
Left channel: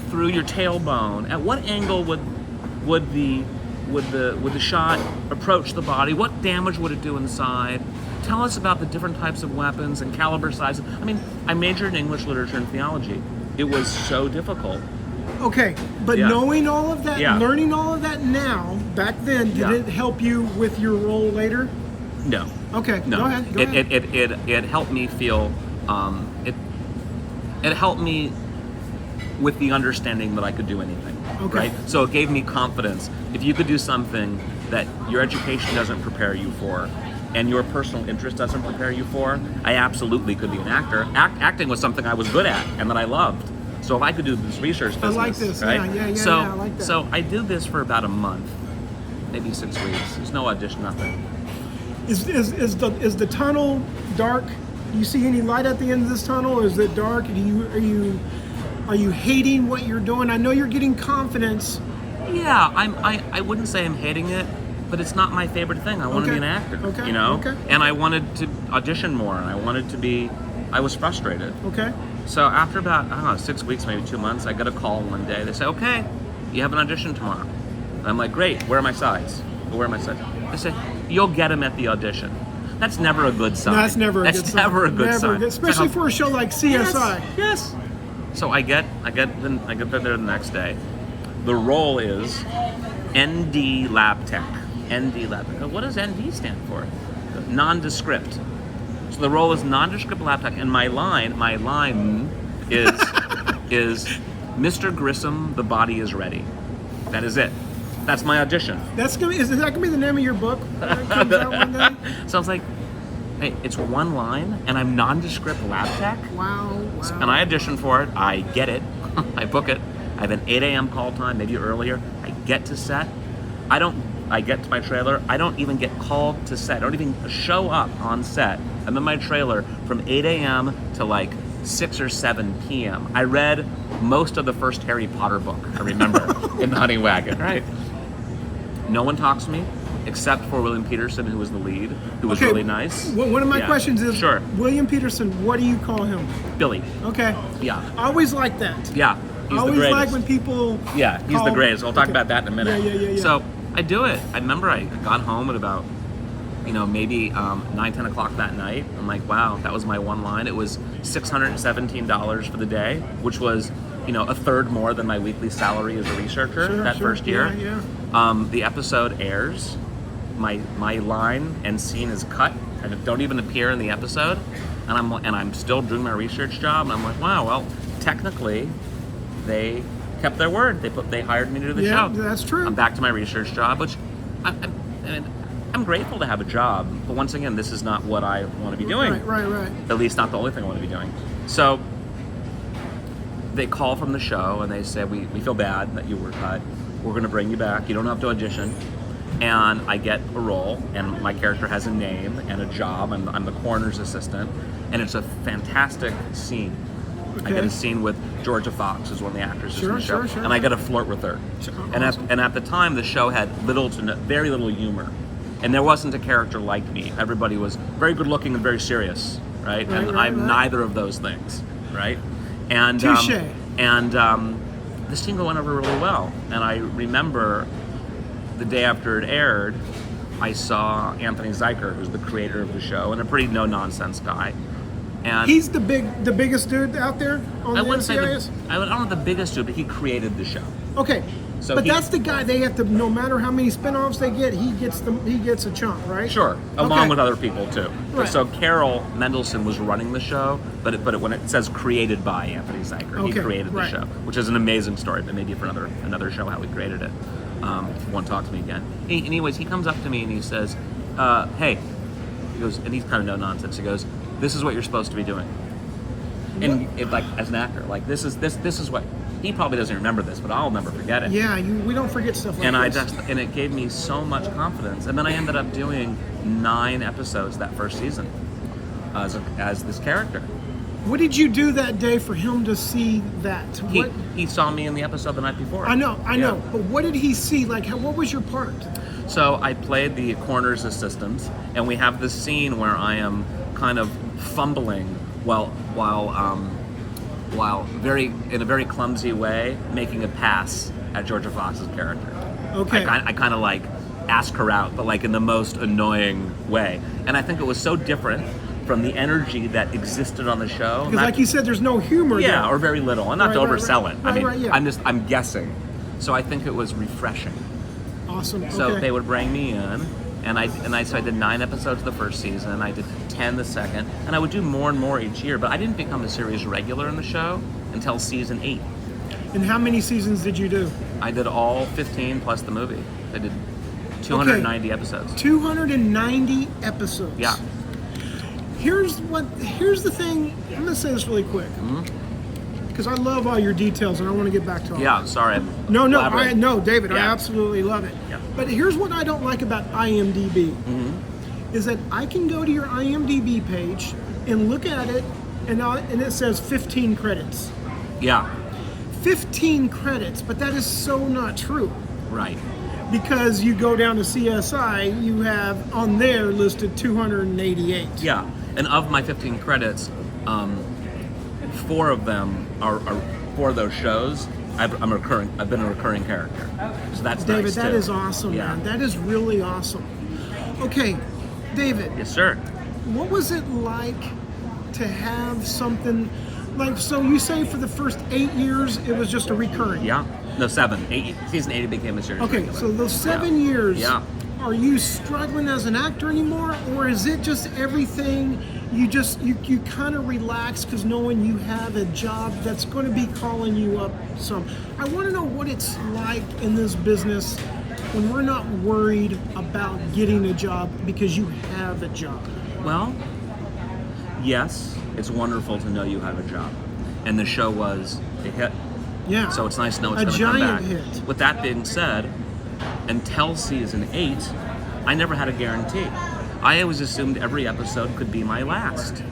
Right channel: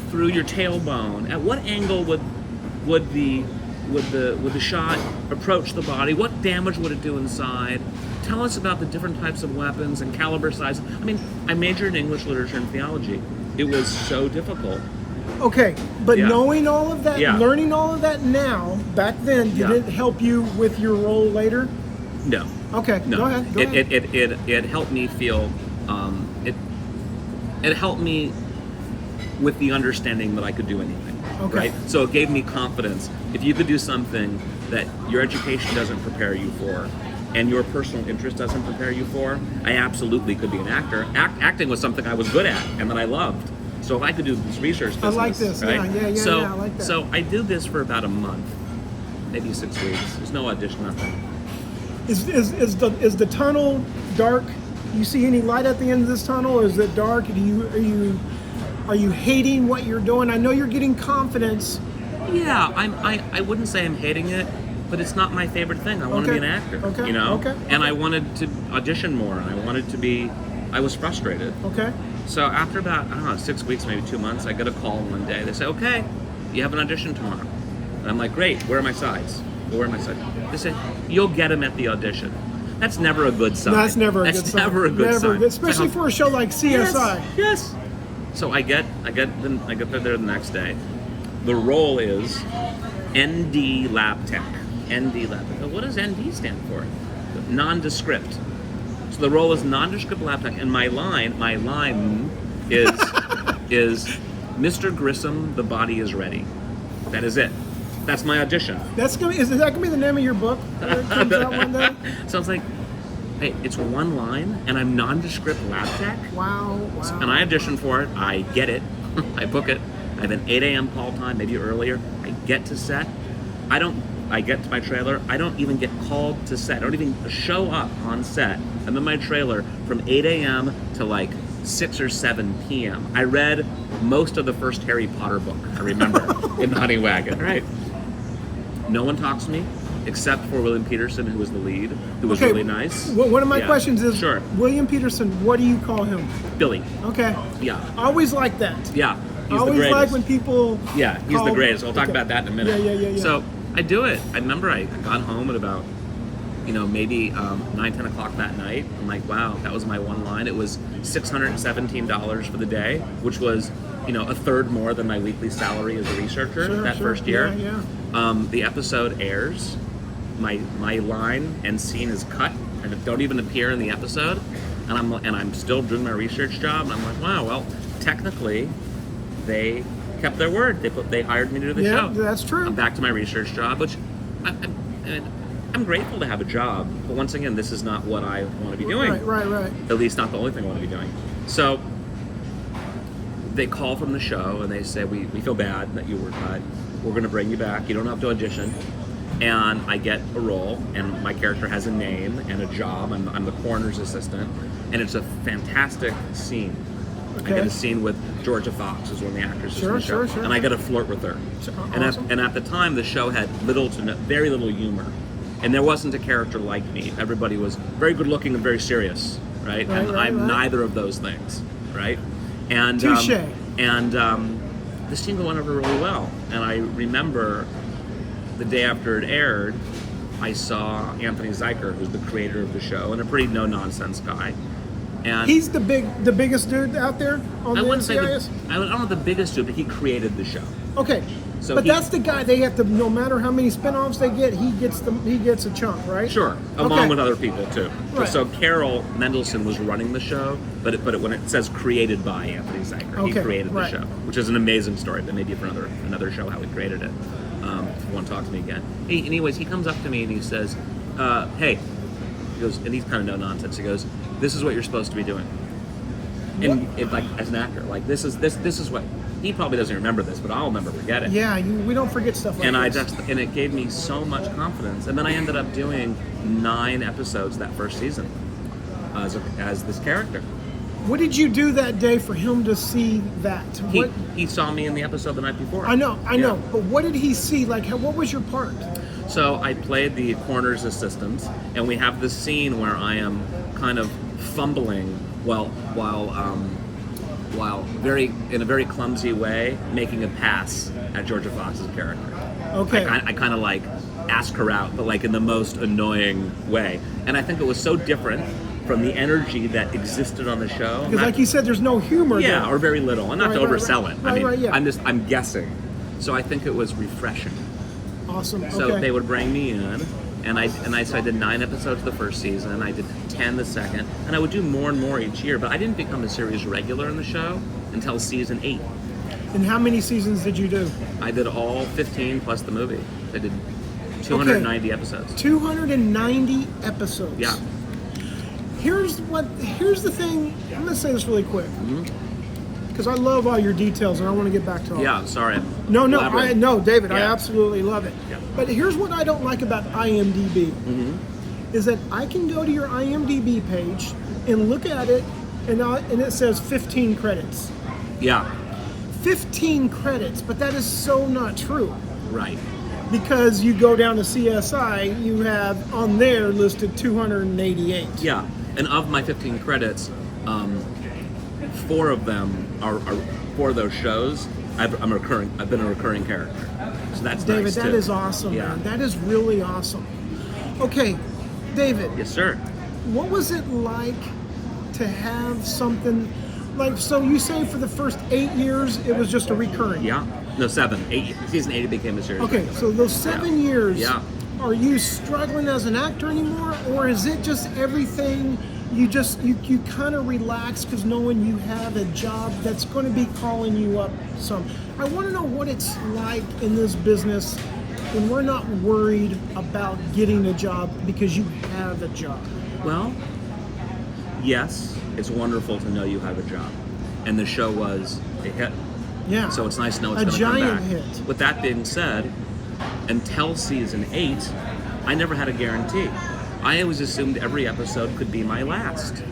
through your tailbone, at what angle would the shot approach the body? What damage would it do inside? Tell us about the different types of weapons and caliber sizes. I mean, I majored in English literature and theology. It was so difficult. Okay, but Yeah. knowing all of that, Yeah. learning all of that now, back then, did Yeah. it help you with your role later? No. Okay, No. go ahead. Go ahead. It helped me feel. It helped me with the understanding that I could do anything. Okay. Right. So it gave me confidence. If you could do something that your education doesn't prepare you for, and your personal interest doesn't prepare you for, I absolutely could be an actor. Acting was something I was good at and that I loved. So if I could do this research business, I like this. right? Yeah, So, I like that. So I did this for about a month, maybe 6 weeks. There's no audition, nothing. Is the tunnel dark? Do you see any light at the end of this tunnel? Or is it dark? Are you hating what you're doing? I know you're getting confidence. Yeah, I wouldn't say I'm hating it, but it's not my favorite thing. I want to be an actor. Okay. Okay. And I wanted to audition more, and I was frustrated. Okay. So after about, 6 weeks, maybe 2 months, I got a call one day. They say, okay, you have an audition tomorrow. And I'm like, great, where are my sides? Where are my sides? They say, you'll get them at the audition. That's never a good sign. No, that's never a good sign. Never a good sign. Especially for a show like CSI. Yes. So I get there the next day. The role is ND Lab Tech. ND Lab Tech. What does ND stand for? Nondescript. So the role is nondescript lab tech, and my line is is Mr. Grissom, the body is ready. That is it. That's my audition. Is that gonna be the name of your book when it comes out one day? So I was like, hey, it's one line, and I'm nondescript lab tech. Wow. And I audition for it. I get it. I book it. I have an 8 a.m. call time, maybe earlier. I get to set. I get to my trailer. I don't even get called to set. I don't even show up on set. I'm in my trailer from 8 a.m. to like 6 or 7 p.m. I read most of the first Harry Potter book, I remember, in the Honey Wagon. Right. No one talks to me except for William Peterson, who was the lead, who was really nice. One of my questions is, sure. William Peterson, what do you call him? Billy. Okay. Yeah. I always like that. Yeah. I always like when people Yeah, he's the greatest. I'll talk about that in a minute. Yeah. So I do it. I remember I got home at about, maybe 9, 10 o'clock that night. I'm like, wow, that was my one line. It was $617 for the day, which was, a third more than my weekly salary as a researcher first year. Yeah. The episode airs. My line and scene is cut and don't even appear in the episode, and I'm still doing my research job. I'm like, wow, well, technically, they kept their word. They hired me to do the show. Yeah, that's true. I'm back to my research job, which I'm grateful to have a job, but once again, this is not what I want to be doing. Right. At least not the only thing I want to be doing. So they call from the show and they say, we feel bad that you were cut. We're going to bring you back. You don't have to audition. And I get a role, and my character has a name and a job. I'm the coroner's assistant, and it's a fantastic scene. Okay. I get a scene with Georgia Fox, who's one of the actresses in the show, and I get to flirt with her. Awesome. And at the time, the show had very little humor, and there wasn't a character like me. Everybody was very good looking and very serious, right? I'm neither of those things, right? And touche. The scene went over really well, and I remember the day after it aired, I saw Anthony Zeiker, who's the creator of the show, and a pretty no-nonsense guy. And he's the biggest dude out there on the NCIS? I don't know the biggest dude, but he created the show. Okay. So but that's the guy they have to, no matter how many spin-offs they get, he gets a chunk, right? Sure, along with other people too. Right. So Carol Mendelsohn was running the show, but when it says created by Anthony Zeiker, he created the show, which is an amazing story, but maybe for another show how he created it. Won't talk to me again. Anyways, he comes up to me and he says, hey, he goes, and he's kind of no nonsense. He goes, this is what you're supposed to be doing. Like as an actor, like this is what he probably doesn't remember this, but I'll never forget it. Yeah, we don't forget stuff like this. And it gave me so much confidence. And then I ended up doing 9 episodes that first season as this character. What did you do that day for him to see that? He saw me in the episode the night before. I know. But what did he see? Like, what was your part? So I played the coroner's assistant, and we have this scene where I am kind of fumbling while in a very clumsy way making a pass at Georgia Fox's character. Okay. I kind of like ask her out, but like in the most annoying way. And I think it was so different from the energy that existed on the show. Because like you said, there's no humor there. Yeah, or very little. And not to oversell it. Right, yeah. I'm guessing. So I think it was refreshing. Awesome. So they would bring me in, and I did 9 episodes the first season, I did 10 the second, and I would do more and more each year, but I didn't become a series regular in the show until season 8. And how many seasons did you do? I did all 15 plus the movie. I did 290 episodes. 290 episodes. Yeah. Here's the thing. I'm going to say this really quick. Because I love all your details and I want to get back to all Yeah, I'm sorry. No, David, Yeah. I absolutely love it. Yeah. But here's what I don't like about IMDb. Is that I can go to your IMDb page and look at it and it says 15 credits. Yeah. 15 credits, but that is so not true. Right. Because you go down to CSI, you have on there listed 288. Yeah, and of my 15 credits, 4 of them are 4 of those shows. I've been a recurring character. So that's David. Nice that too. Is awesome, Yeah. man. That is really awesome. Okay, David. Yes, sir. What was it like to have something like? So you say for the first 8 years it was just a recurring. Yeah. No, 7. 8. Season 8 it became a series. Okay, regular. so those 7 years. Yeah. are you struggling as an actor anymore, or is it just everything you kind of relax because knowing you have a job that's going to be calling you up some? I want to know what it's like in this business when we're not worried about getting a job because you have a job. Well, yes, it's wonderful to know you have a job, and the show was a hit. Yeah. So it's nice to know it's a going to come giant back. hit. With that being said, until season 8, I never had a guarantee. I always assumed every episode could be my last.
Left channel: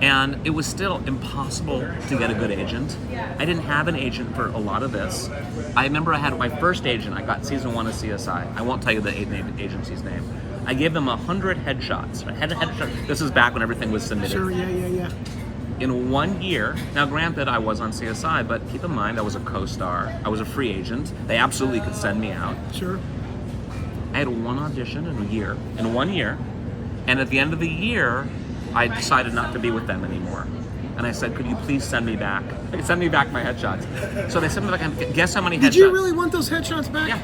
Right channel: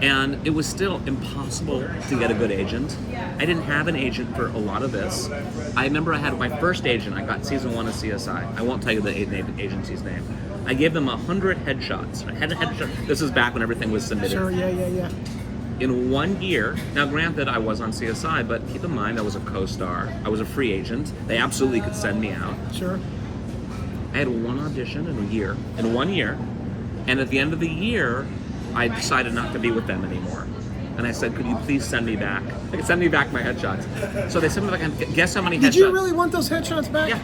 And it was still impossible to get a good agent. I didn't have an agent for a lot of this. I remember I had my first agent. I got season 1 of CSI. I won't tell you the agency's name. I gave them 100 headshots. This is back when everything was submitted. Sure, yeah. In 1 year, now granted I was on CSI, but keep in mind I was a co-star. I was a free agent. They absolutely could send me out. Sure. I had 1 audition in 1 year. And at the end of the year, I decided not to be with them anymore. And I said, could you please send me back? Send me back my headshots. So they sent me back, and guess how many headshots? Did you really want those headshots back? Yeah.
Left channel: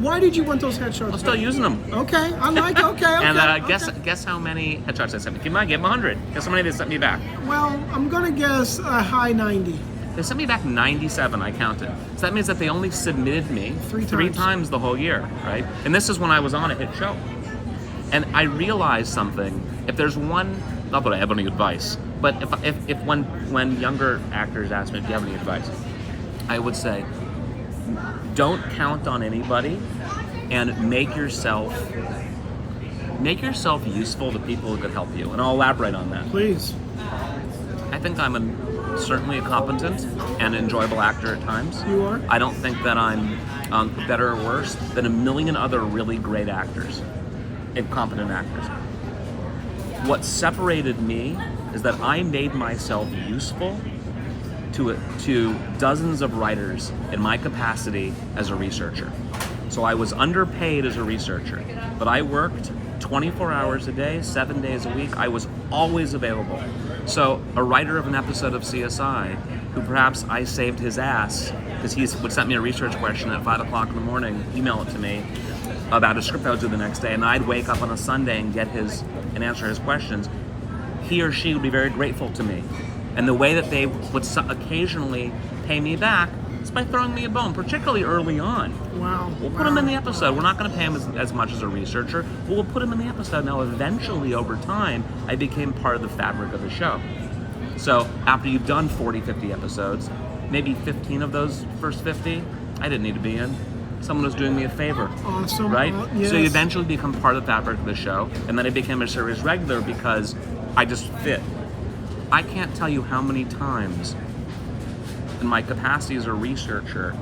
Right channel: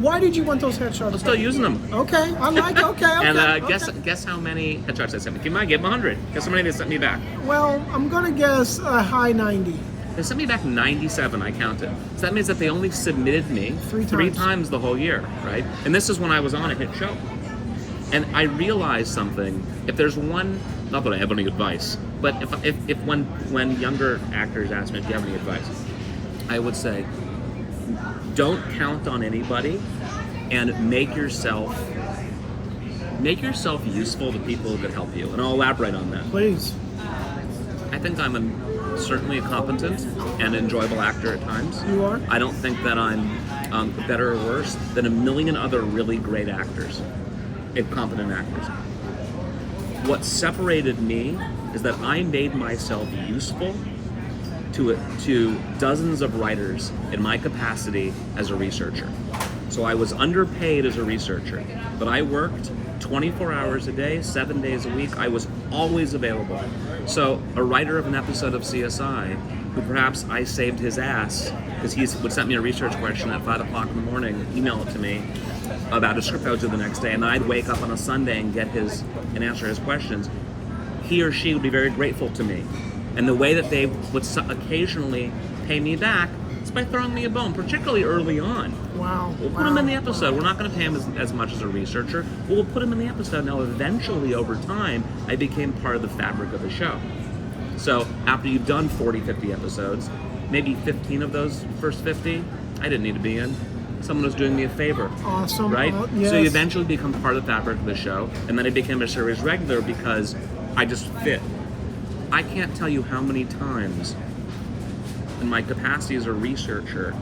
Why did you want those headshots I'm still using them. Okay, I like okay. And okay. guess how many headshots they sent me? Keep in mind, I gave them 100. Guess how many they sent me back? Well, I'm gonna guess a high 90. They sent me back 97, I counted. So that means that they only submitted me Three times the whole year, right? And this is when I was on a hit show. And I realized something. If there's one, not that I have any advice, but if when younger actors ask me if you have any advice, I would say, don't count on anybody, and make yourself useful to people who could help you. And I'll elaborate on that. Please. I think I'm certainly a competent and enjoyable actor at times. You are? I don't think that I'm better or worse than a million other really great actors, competent actors. What separated me is that I made myself useful to dozens of writers in my capacity as a researcher. So I was underpaid as a researcher, but I worked 24 hours a day, 7 days a week. I was always available. So a writer of an episode of CSI, who perhaps I saved his ass because he would send me a research question at 5 o'clock in the morning, email it to me about a script I would do the next day, and I'd wake up on a Sunday and answer his questions. He or she would be very grateful to me. And the way that they would occasionally pay me back is by throwing me a bone, particularly early on. Wow. We'll put him in the episode. We're not going to pay him as much as a researcher, but we'll put him in the episode. Now, eventually, over time, I became part of the fabric of the show. So after you've done 40, 50 episodes, maybe 15 of those first 50, I didn't need to be in. Someone was doing me a favor. Awesome. Right? Yes. So you eventually become part of the fabric of the show, and then I became a series regular because I just fit. I can't tell you how many times in my capacity as a researcher,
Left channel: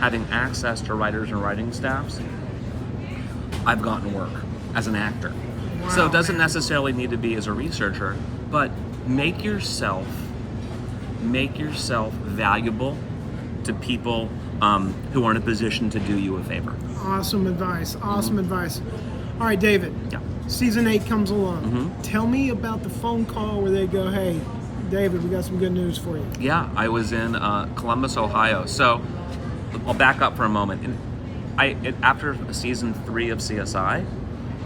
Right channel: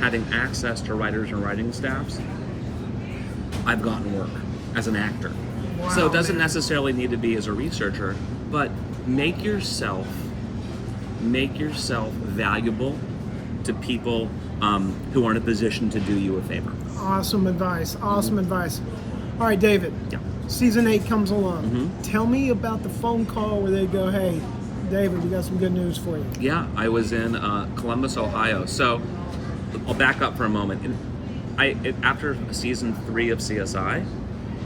having access to writers and writing staffs, I've gotten work as an actor. Wow, so it doesn't man. necessarily need to be as a researcher, but make yourself valuable to people who are in a position to do you a favor. Awesome advice. Awesome advice. All right, David. Yeah. Season 8 comes along. Tell me about the phone call where they go, hey, David, we got some good news for you. Yeah, I was in Columbus, Ohio. So I'll back up for a moment. After season 3 of CSI,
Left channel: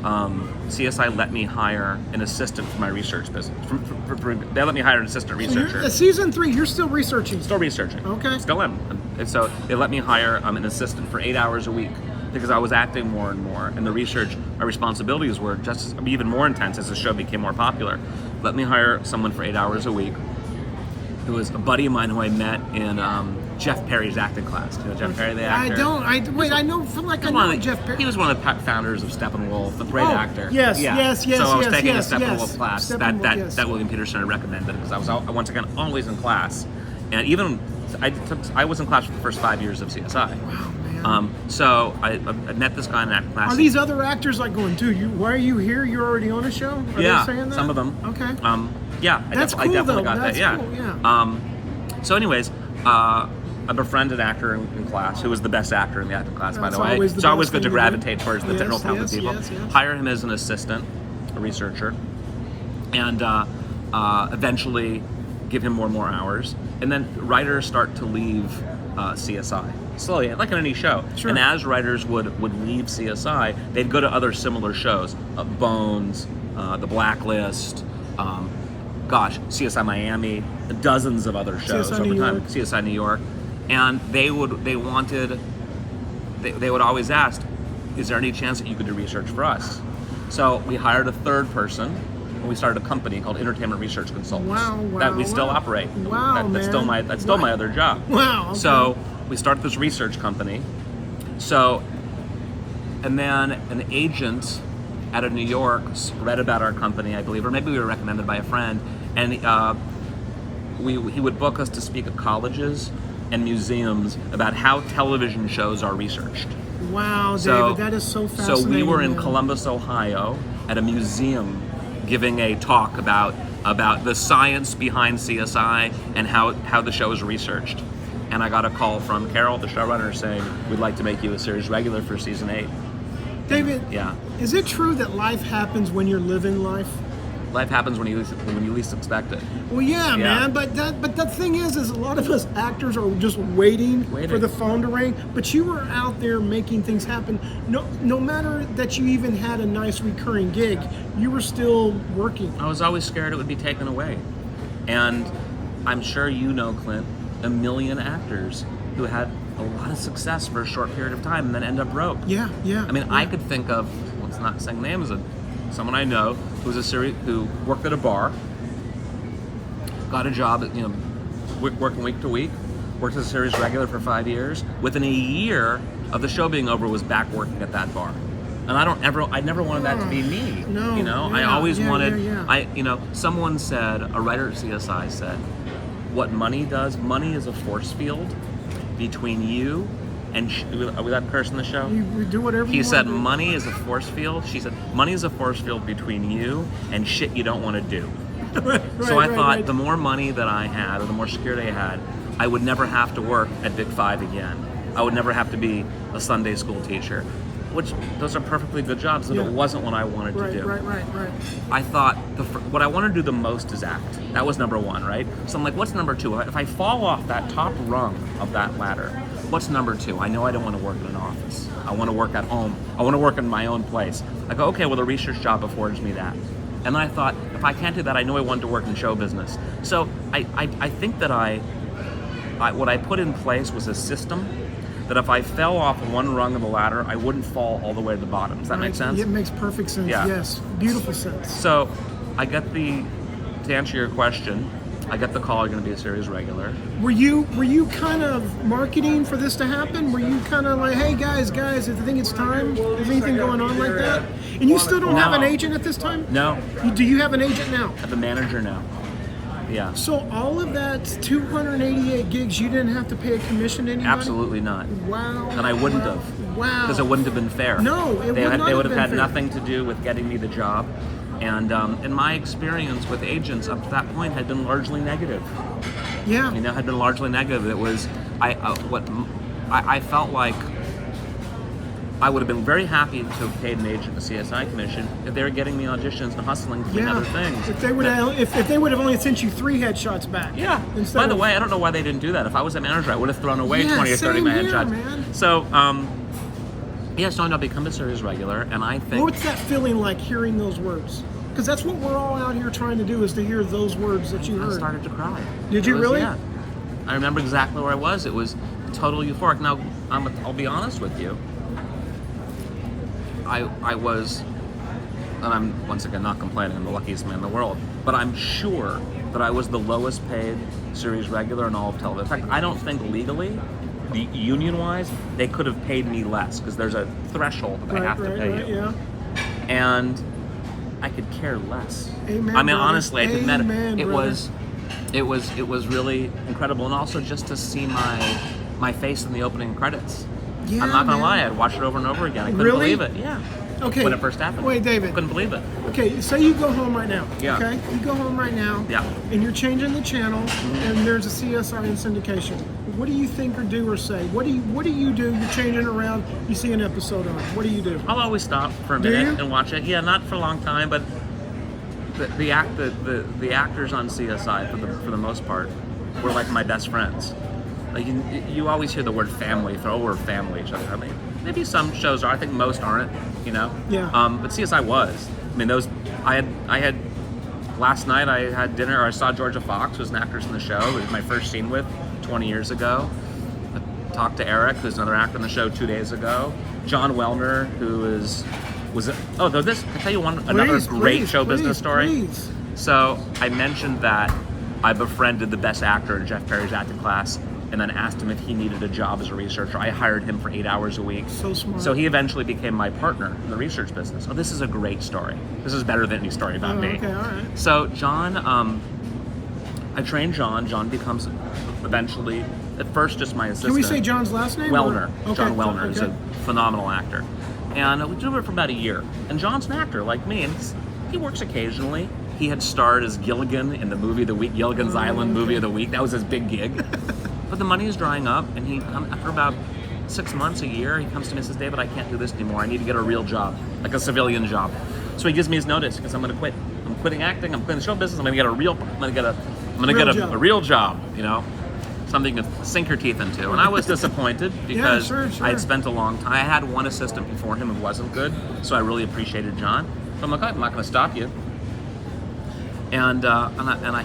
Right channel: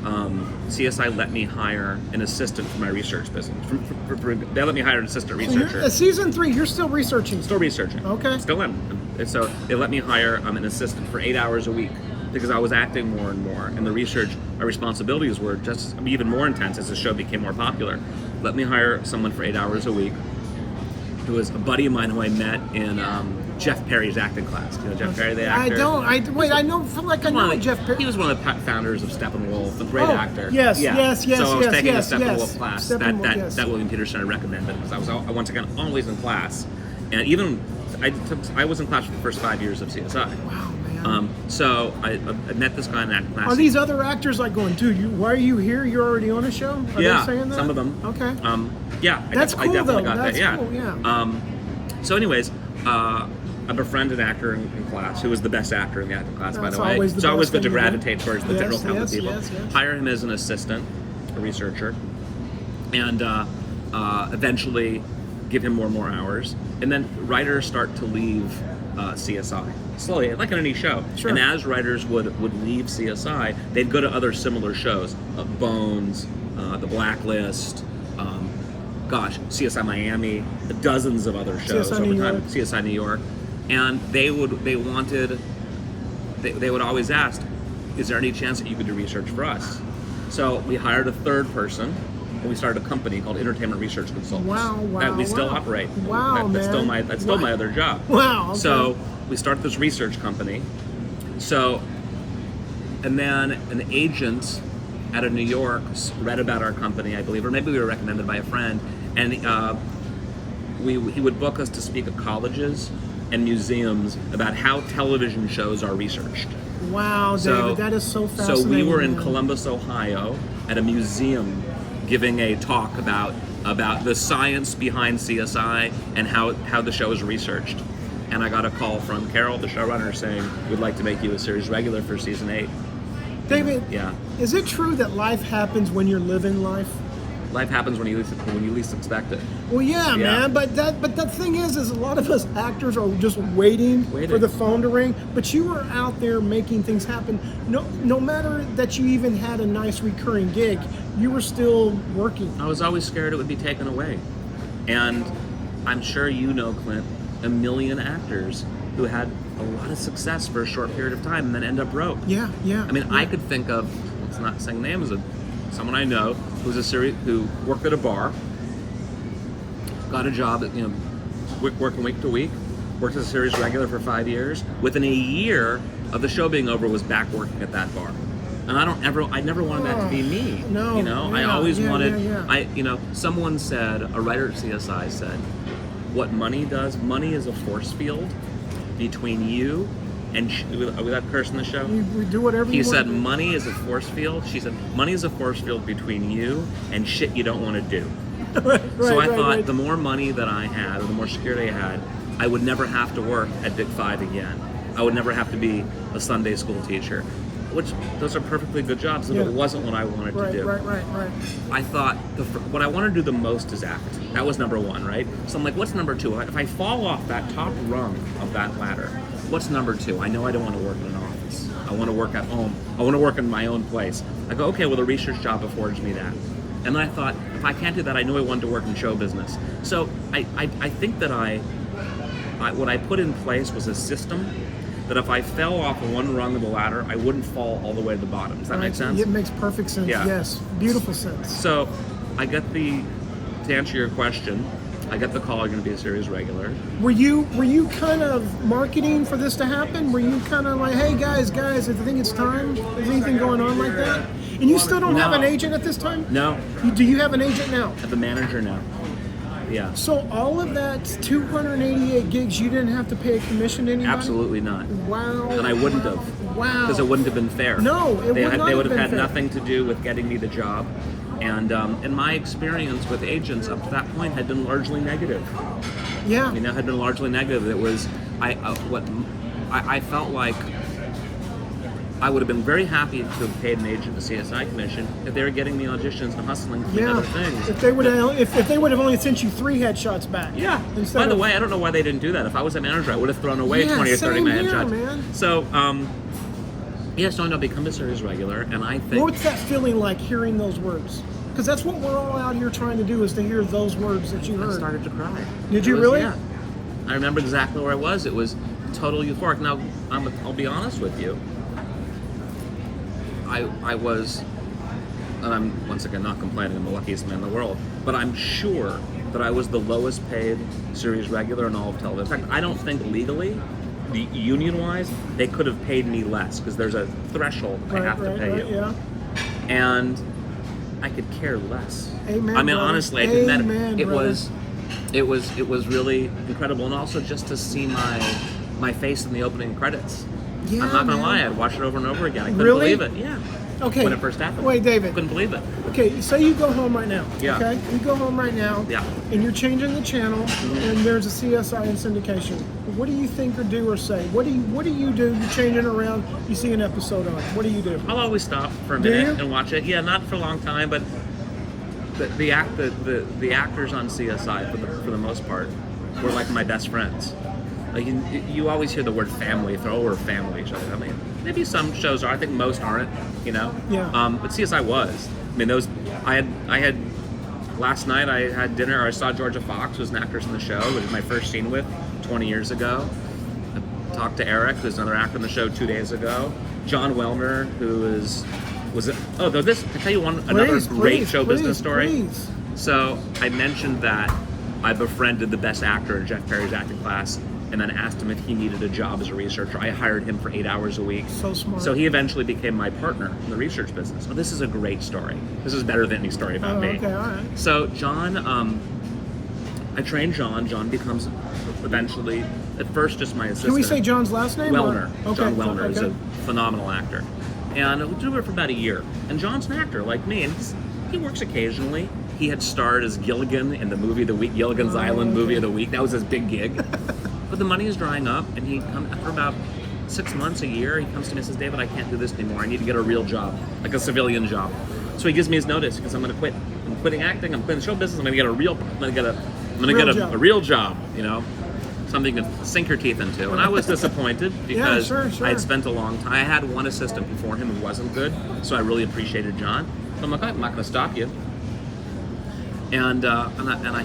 CSI let me hire an assistant for my research business. They let me hire an assistant researcher. So season 3, you're still researching. Still researching. Okay. Still am. And so they let me hire an assistant for 8 hours a week because I was acting more and more, and the research, my responsibilities were just even more intense as the show became more popular. Let me hire someone for 8 hours a week, who was a buddy of mine who I met in Jeff Perry's acting class. Do you know Jeff Perry, the actor? I feel like I know Jeff Perry. He was one of the founders of Steppenwolf, a great actor. Yes. So I was taking a Steppenwolf class that William Peterson recommended because I was once again always in class, and even I was in class for the first 5 years of CSI. Wow, man. So I met this guy in that class. Are these other actors like going, dude, why are you here? You're already on a show? Are they saying that? Some of them. Okay. Yeah. That's cool, though. That's cool, yeah. So anyways, I befriended an actor in class who was the best actor in the acting class, by the way. Always it's always good to gravitate towards the general talented people. Yes. Hire him as an assistant, a researcher, and eventually give him more and more hours. And then writers start to leave CSI. Slowly, like in any show. Sure. And as writers would leave CSI, they'd go to other similar shows, Bones, The Blacklist, CSI Miami, dozens of other shows CSI over New time. York. CSI New York, and they would always ask, "Is there any chance that you could do research for us?" So we hired a third person, and we started a company called Entertainment Research Consultants. Wow, that we still wow. operate. Wow, that's man. still my other job. Wow. Okay. So we started this research company. So, and then an agent out of New York read about our company, I believe, or maybe we were recommended by a friend, and he would book us to speak at colleges and museums about how television shows are researched. Wow, David, that is so fascinating. So we were in man. Columbus, Ohio, at a museum giving a talk about the science behind CSI and how the show is researched. And I got a call from Carol, the showrunner, saying, "We'd like to make you a series regular for season 8. David, Yeah. is it true that life happens when you're living life? Life happens when you least expect it. Well, yeah, man, but the thing is a lot of us actors are just waiting for the phone to ring. But you were out there making things happen. No matter that you even had a nice recurring gig, you were still working. I was always scared it would be taken away. And I'm sure you know, Clint, a million actors who had a lot of success for a short period of time and then end up broke. Yeah. I mean, yeah. I could think of, let's not saying names, of someone I know who worked at a bar, got a job, working week to week, worked as a series regular for 5 years. Within a year of the show being over, was back working at that bar. And I never wanted that to be me. No, I always wanted. Yeah. Someone said, a writer at CSI said, what money does, money is a force field between you and are we that person in the show? You do whatever you want. He said, to do. money is a force field. She said, money is a force field between you and shit you don't want to do. right, So I thought right. the more money that I had, or the more security I had, I would never have to work at Big 5 again. I would never have to be a Sunday school teacher, which those are perfectly good jobs, and it wasn't what I wanted to do. Right. I thought what I want to do the most is act. That was number one, right? So I'm like, what's number two? If I fall off that top rung of that ladder, what's number two? I know I don't want to work in an office. I want to work at home. I want to work in my own place. I go, okay, well, the research job affords me that. And then I thought, if I can't do that, I know I wanted to work in show business. So I think that what I put in place was a system that if I fell off one rung of the ladder, I wouldn't fall all the way to the bottom. Does that make sense? It makes perfect sense. Yeah. Yes, beautiful sense. So I get to answer your question, I get the call, you're going to be a series regular. Were you kind of marketing for this to happen? Were you kind of like, hey guys, I think it's time? Is anything going on like that? And you still don't have an agent at this time? No. Do you have an agent now? I have a manager now. Yeah. So all of that 288 gigs, you didn't have to pay a commission to anybody? Absolutely not. Wow. And I wouldn't have. Wow. Because it wouldn't have been fair. No, it would not have been fair. They would have had nothing to do with getting me the job. And my experience with agents up to that point had been largely negative. Yeah. Had been largely negative. It was, I felt like I would have been very happy to have paid an agent a CSI commission if they were getting me auditions and hustling to other things. If they would have only sent you 3 headshots back. Yeah. By the way, I don't know why they didn't do that. If I was a manager, I would have thrown away 20 or 30 my headshots. Man. So, so I'll become a series regular, and I think. What's that feeling like hearing those words? Because that's what we're all out here trying to do, is to hear those words that you heard. I started to cry. Did you really? Yeah. I remember exactly where I was. It was total euphoric. Now, I'll be honest with you. I was, and I'm once again not complaining, I'm the luckiest man in the world, but I'm sure that I was the lowest paid series regular in all of television. In fact, I don't think legally, union-wise, they could have paid me less, because there's a threshold that they have to pay you. Yeah. And I could care less. Amen, I mean, brother. honestly, I could Amen, it brother. was really incredible, and also just to see my face in the opening credits. Yeah, I'm not gonna lie, I'd watch it over and over again. I couldn't Really? believe it. Yeah. Okay. When it first happened. Wait, David. I couldn't believe it. Okay, say you go home right now. Yeah. Okay? You go home right now. Yeah. And you're changing the channel, Mm-hmm. and there's a CSI in syndication. What do you think or do or say? What do you do? You're changing around. You see an episode on. What do you do? I'll always stop for a Do minute you? and watch it. Yeah, not for a long time, but the actors on CSI for the most part were like my best friends. Like you always hear the word family, we're family each other. I mean, maybe some shows are. I think most aren't. You know. Yeah. But CSI was. I mean, I had last night. I had dinner. I saw Georgia Fox, who's an actress in the show. It was my first scene with 20 years ago. I talked to Eric, who's another actor in the show, 2 days ago. John Wellner, who though this, I tell you another great show business story. Please. So I mentioned that I befriended the best actor in Jeff Perry's acting class, and then asked him if he needed a job as a researcher. I hired him for 8 hours a week. So smart. So he eventually became my partner in the research business. Oh, this is a great story. This is better than any story about me. Okay, all right. So John, I trained John. John becomes eventually, at first, just my assistant. Can we say John's last name? Wellner. Okay. John Wellner is okay. a phenomenal actor. And we did it for about a year. And John's an actor like me, and he works occasionally. He had starred as Gilligan in the movie of the week, Gilligan's Island movie of the week. That was his big gig. But the money is drying up, and after about 6 months, a year, he comes to me and says, David, I can't do this anymore. I need to get a real job, like a civilian job. So he gives me his notice because I'm going to quit. I'm quitting acting. I'm quitting the show business. I'm going to get a real job. You know, something to sink your teeth into. And I was disappointed because sure. I had spent a long time. I had one assistant before him who wasn't good, so I really appreciated John. So I'm like, I'm not going to stop you. And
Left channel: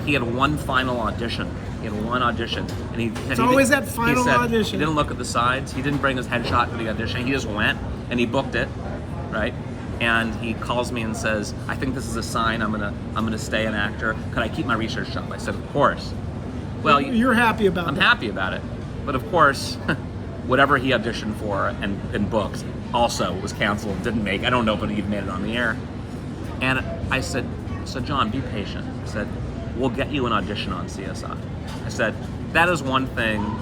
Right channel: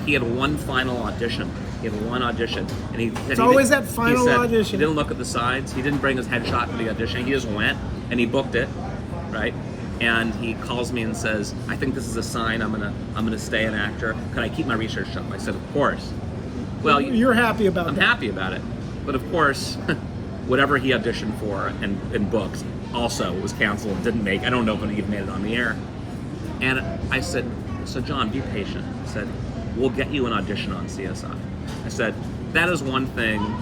he had one final audition. He had one audition, and it's always that final audition. He didn't look at the sides. He didn't bring his headshot to the audition. He just went and he booked it, right? And he calls me and says, "I think this is a sign. I'm gonna stay an actor. Could I keep my research job?" I said, "Of course." Well, you're happy about that. I'm happy about it, but of course, whatever he auditioned for and booked also was canceled and didn't make. I don't know if it even made it on the air. And I said, "So John, be patient." I said, "We'll get you an audition on CSI." I said, that is one thing.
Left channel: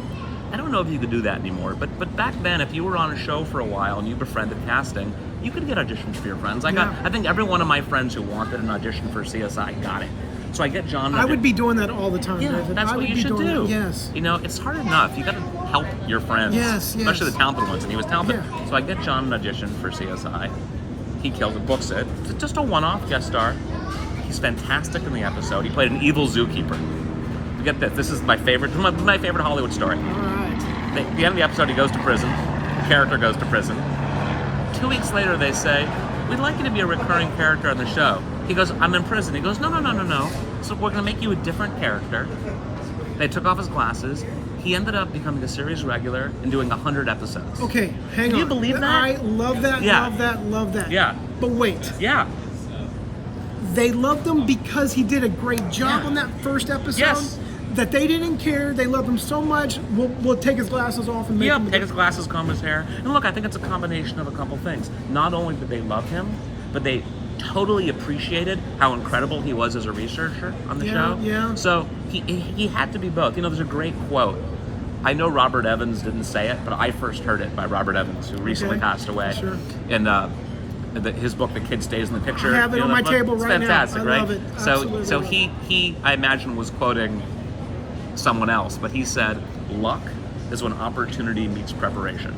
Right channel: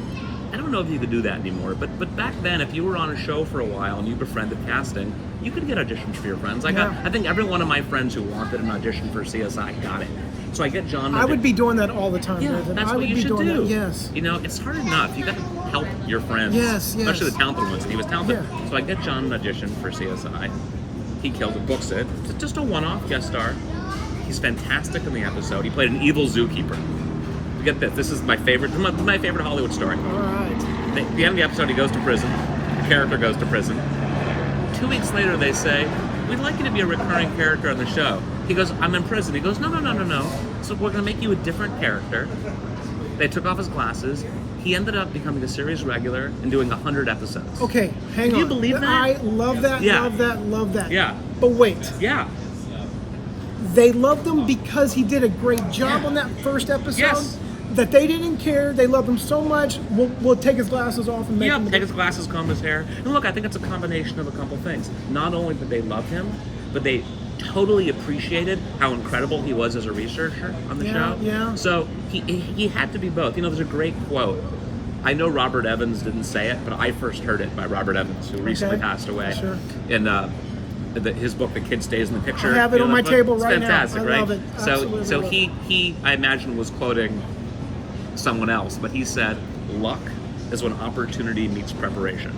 I don't know if you could do that anymore, but back then, if you were on a show for a while and you befriended casting, you could get auditions for your friends. I think every one of my friends who wanted an audition for CSI got it. So I get John. I would be doing that all the time, yeah, David. That's I what would you be doing do. that. Yes. You know, it's hard enough. You got to help your friends. Yes. Especially the talented ones, and he was talented. Yeah. So I get John an audition for CSI. He killed it, books it. It's just a one-off guest star. He's fantastic in the episode. He played an evil zookeeper. Get this. This is my favorite Hollywood story. All right. At the end of the episode, he goes to prison. The character goes to prison. 2 weeks later, they say, "We'd like you to be a recurring character on the show." He goes, "I'm in prison." He goes, No. So we're going to make you a different character. They took off his glasses. He ended up becoming a series regular and doing 100 episodes. Okay, hang on. Can you believe that? I love that. Yeah. Love that. Yeah. But wait. Yeah. They loved him because he did a great job on that first episode. Yes. That they didn't care. They loved him so much. We'll take his glasses off and make him. Take his glasses, comb his hair. And look, I think it's a combination of a couple things. Not only did they love him, but they totally appreciated how incredible he was as a researcher on the show. Yeah. So he had to be both. You know, there's a great quote. I know Robert Evans didn't say it, but I first heard it by Robert Evans, who recently passed away. Sure. And his book, The Kid Stays in the Picture. I have it on my table right now. Fantastic, I right? love it. Absolutely So love it. he, I imagine, was quoting someone else, but he said, "Luck is when opportunity meets preparation."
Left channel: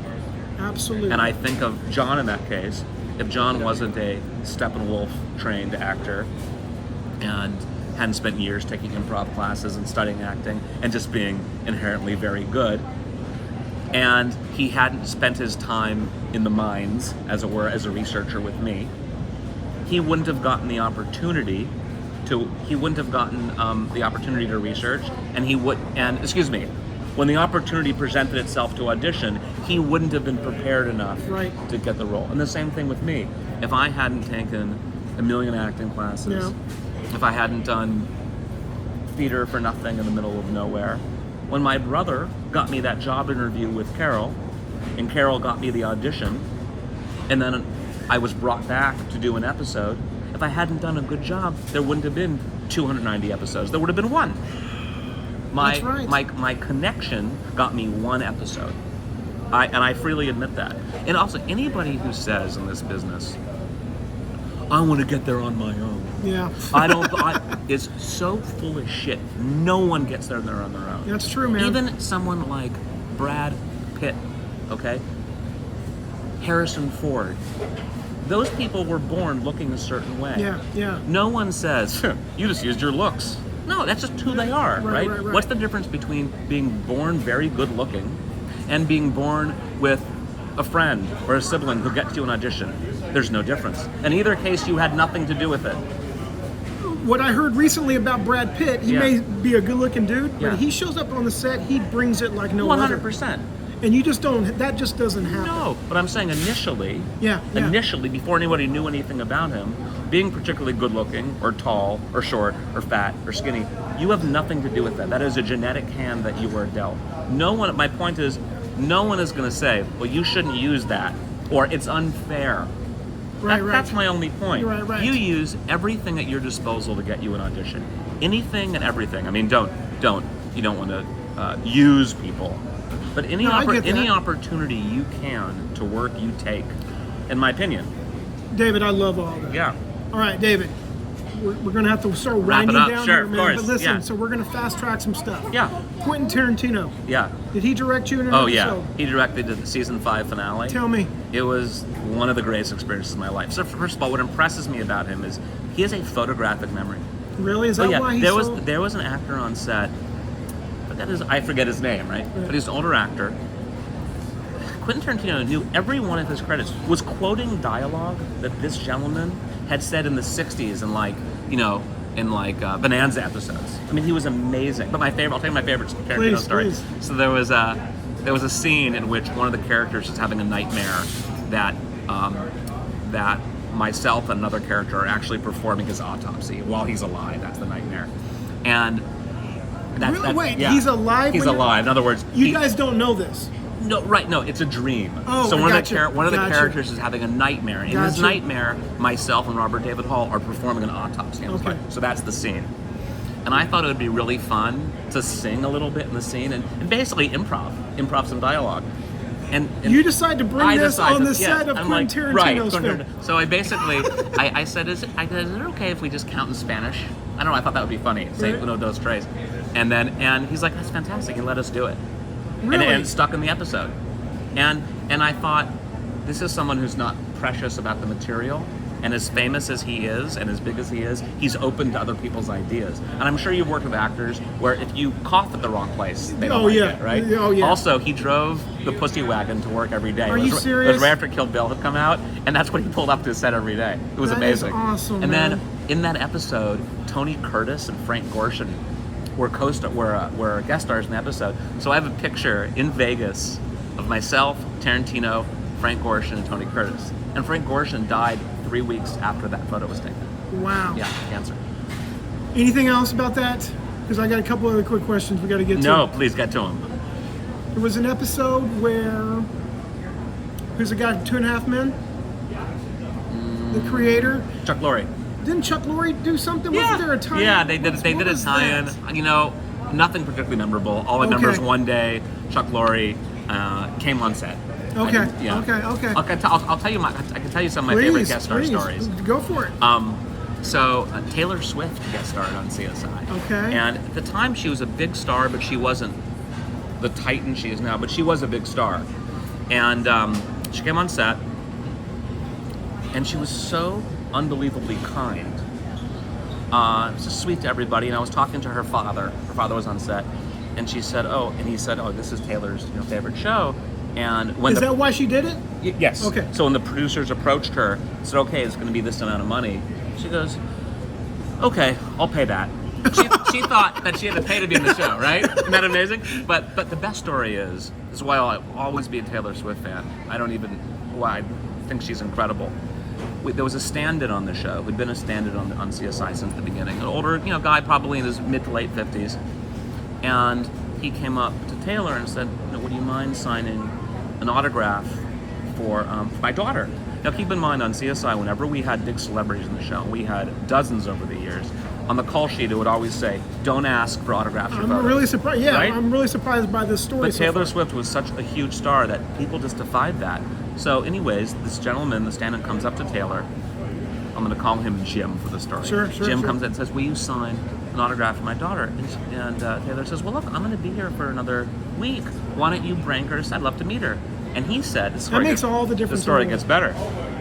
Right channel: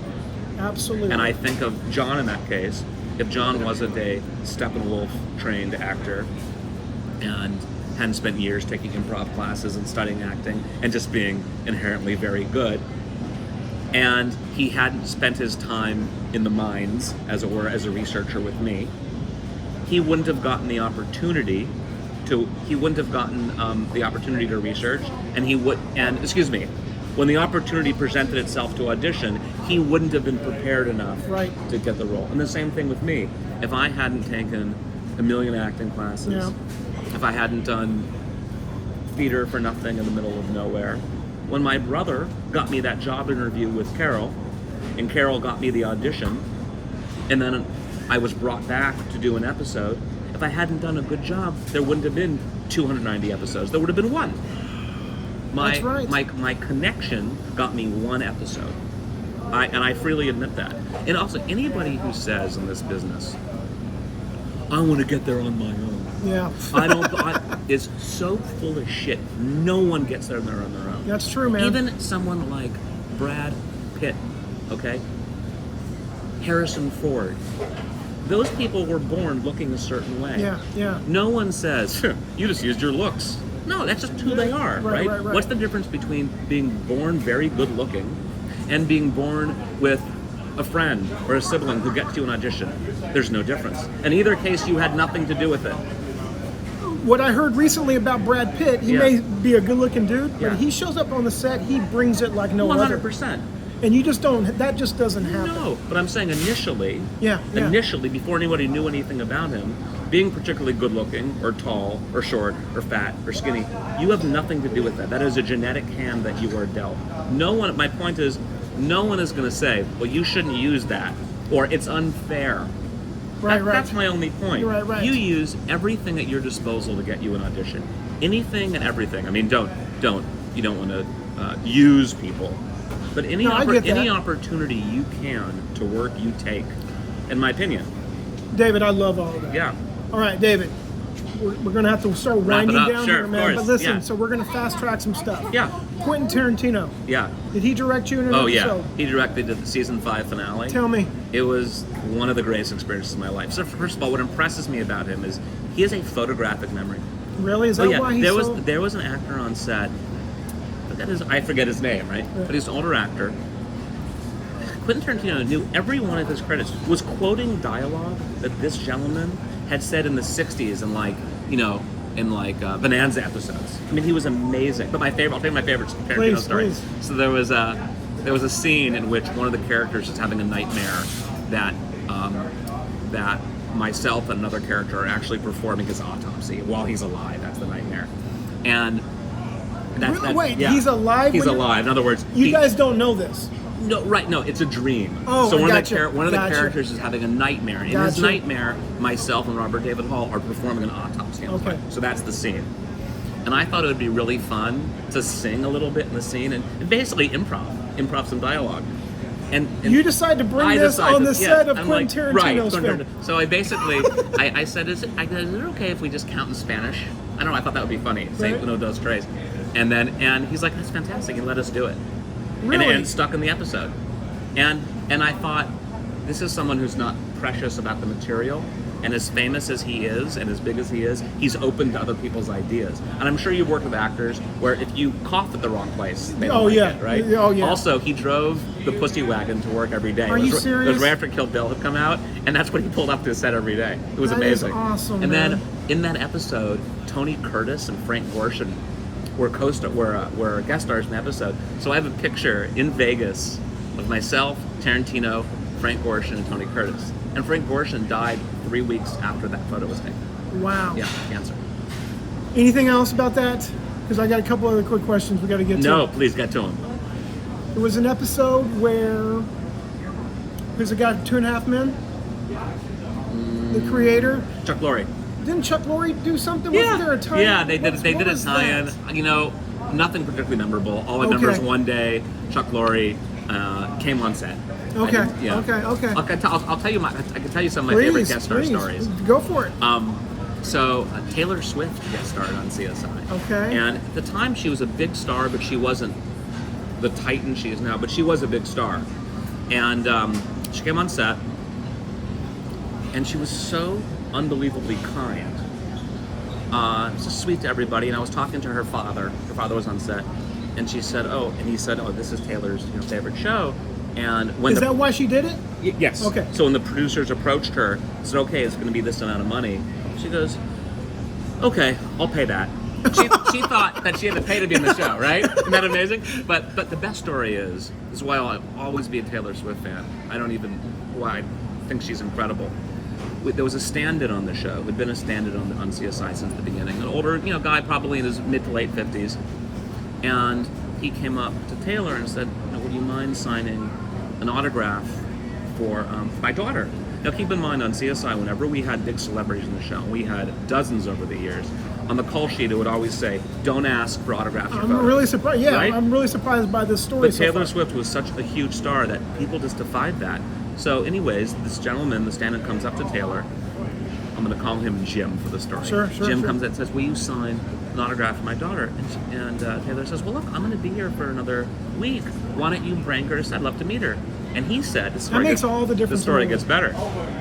Absolutely. And I think of John in that case. If John wasn't a Steppenwolf trained actor and hadn't spent years taking improv classes and studying acting and just being inherently very good, and he hadn't spent his time in the mines, as it were, as a researcher with me, he wouldn't have gotten the opportunity to research, when the opportunity presented itself to audition, he wouldn't have been prepared enough to get the role. And the same thing with me. If I hadn't taken a million acting classes, if I hadn't done theater for nothing in the middle of nowhere, when my brother got me that job interview with Carol, and Carol got me the audition, and then I was brought back to do an episode, if I hadn't done a good job, there wouldn't have been 290 episodes. There would have been one. That's right. My connection got me one episode. I freely admit that. And also, anybody who says in this business, "I want to get there on my own," is so full of shit. No one gets there on their own. That's true, man. Even someone like Brad Pitt, okay? Harrison Ford. Those people were born looking a certain way. Yeah. No one says, "You just used your looks." No, that's just who they are, Right, right? right, right. What's the difference between being born very good looking and being born with a friend or a sibling who gets you an audition? There's no difference. In either case, you had nothing to do with it. What I heard recently about Brad Pitt, he Yeah. may be a good-looking dude, but Yeah. he shows up on the set, he brings it like no other. 100%. And you just don't, that just doesn't happen. No, but I'm saying initially, Yeah. initially, before anybody knew anything about him, being particularly good looking or tall or short or fat or skinny, you have nothing to do with that. That is a genetic hand that you are dealt. No one, my point is, no one is going to say, well, you shouldn't use that, or it's unfair. Right, right. That's my only point. Right, right. You use everything at your disposal to get you an audition. Anything and everything. I mean, you don't want to use people. But any, No, I get that. any opportunity you can to work, you take, in my opinion. David, I love all that. Yeah. All right, David, we're going to have to start Wrap it winding up. down Sure, here, of man. course. But listen, Yeah. so we're going to fast track some stuff. Yeah. Quentin Tarantino, Yeah. did he direct you in an Oh, yeah. episode? He directed the season 5 finale. Tell me. It was one of the greatest experiences of my life. So first of all, what impresses me about him is he has a photographic memory. Really? Is that why he's so... There was an actor on set, but I forget his name, right? But he's an older actor. Quentin Tarantino knew every one of his credits, was quoting dialogue that this gentleman had said in the 60s in Bonanza episodes. I mean, he was amazing. But I'll tell you my favorite Tarantino story. Please. So there was a scene in which one of the characters is having a nightmare that myself and another character are actually performing his autopsy while he's alive. That's the nightmare. And Wait, he's alive? He's alive. In other words, You guys don't know this. No, right? No, it's a dream. Oh, so one gotcha. One of the Gotcha. characters is having a nightmare. In his nightmare, myself and Robert David Hall are performing an autopsy. On his Okay. life. So that's the scene. And I thought it would be really fun to sing a little bit in the scene and basically improv some dialogue. And You decide to bring I this decided on the to- yeah, set of I'm Quentin like, Tarantino's right, film. So I basically, I said, is it okay if we just count in Spanish? I don't know, I thought that would be funny, say Right. uno, dos, tres. And he's like, that's fantastic, and let us do it. Really? And it stuck in the episode. And I thought, this is someone who's not precious about the material, and as famous as he is, and as big as he is, he's open to other people's ideas. And I'm sure you've worked with actors where if you cough at the wrong place, they don't Oh, like yeah. it, right? Oh, yeah. Also, he drove the pussy wagon to work every day. Are you serious? It was right after Kill Bill had come out, and that's what he pulled up to the set every day. It was That is amazing. awesome, and man. then in that episode, Tony Curtis and Frank Gorshin were guest stars in the episode. So I have a picture in Vegas of myself, Tarantino, Frank Gorshin, and Tony Curtis. And Frank Gorshin died 3 weeks after that photo was taken. Wow. Yeah, cancer. Anything else about that? Because I got a couple other quick questions we got to get to. No, please get to him. There was an episode where who's the guy from 2.5 Men? The creator. Chuck Lorre. Didn't Chuck Lorre do something? Wasn't there a tie? Yeah, they did. They did a tie-in. You know, nothing particularly memorable. All I remember is one day Chuck Lorre came on set. Okay. Yeah. Okay. I'll tell you I can tell you some of my favorite guest star stories. Go for it. So Taylor Swift guest starred on CSI. Okay. And at the time she was a big star, but she wasn't the titan she is now. But she was a big star, and she came on set, and she was so unbelievably kind. Just sweet to everybody. And I was talking to her father. Her father was on set, and she said, he said, this is Taylor's favorite show. And when is that why she did it? Yes. Okay. So when the producers approached her, said, okay, it's going to be this amount of money. She goes, okay, I'll pay that. She thought that she had to pay to be in the show, right? Isn't that amazing? But the best story is why I'll always be a Taylor Swift fan. I think she's incredible. There was a stand-in on the show who'd been a stand-in on CSI since the beginning. An older, guy, probably in his mid to late 50s. And he came up to Taylor and said, would you mind signing an autograph for my daughter? Now keep in mind on CSI, whenever we had big celebrities in the show, we had dozens over the years, on the call sheet it would always say, don't ask for autographs. I'm really surprised. Yeah, right? I'm really surprised by this story. But Taylor Swift was such a huge star that people just defied that. So anyways, this gentleman, the stand-in, comes up to Taylor. I'm going to call him Jim for the story. Sure. Jim comes in and says, will you sign an autograph for my daughter? And Taylor says, well, look, I'm going to be here for another week. Why don't you bring her? I'd love to meet her. And he said, that makes all the difference. The story gets better.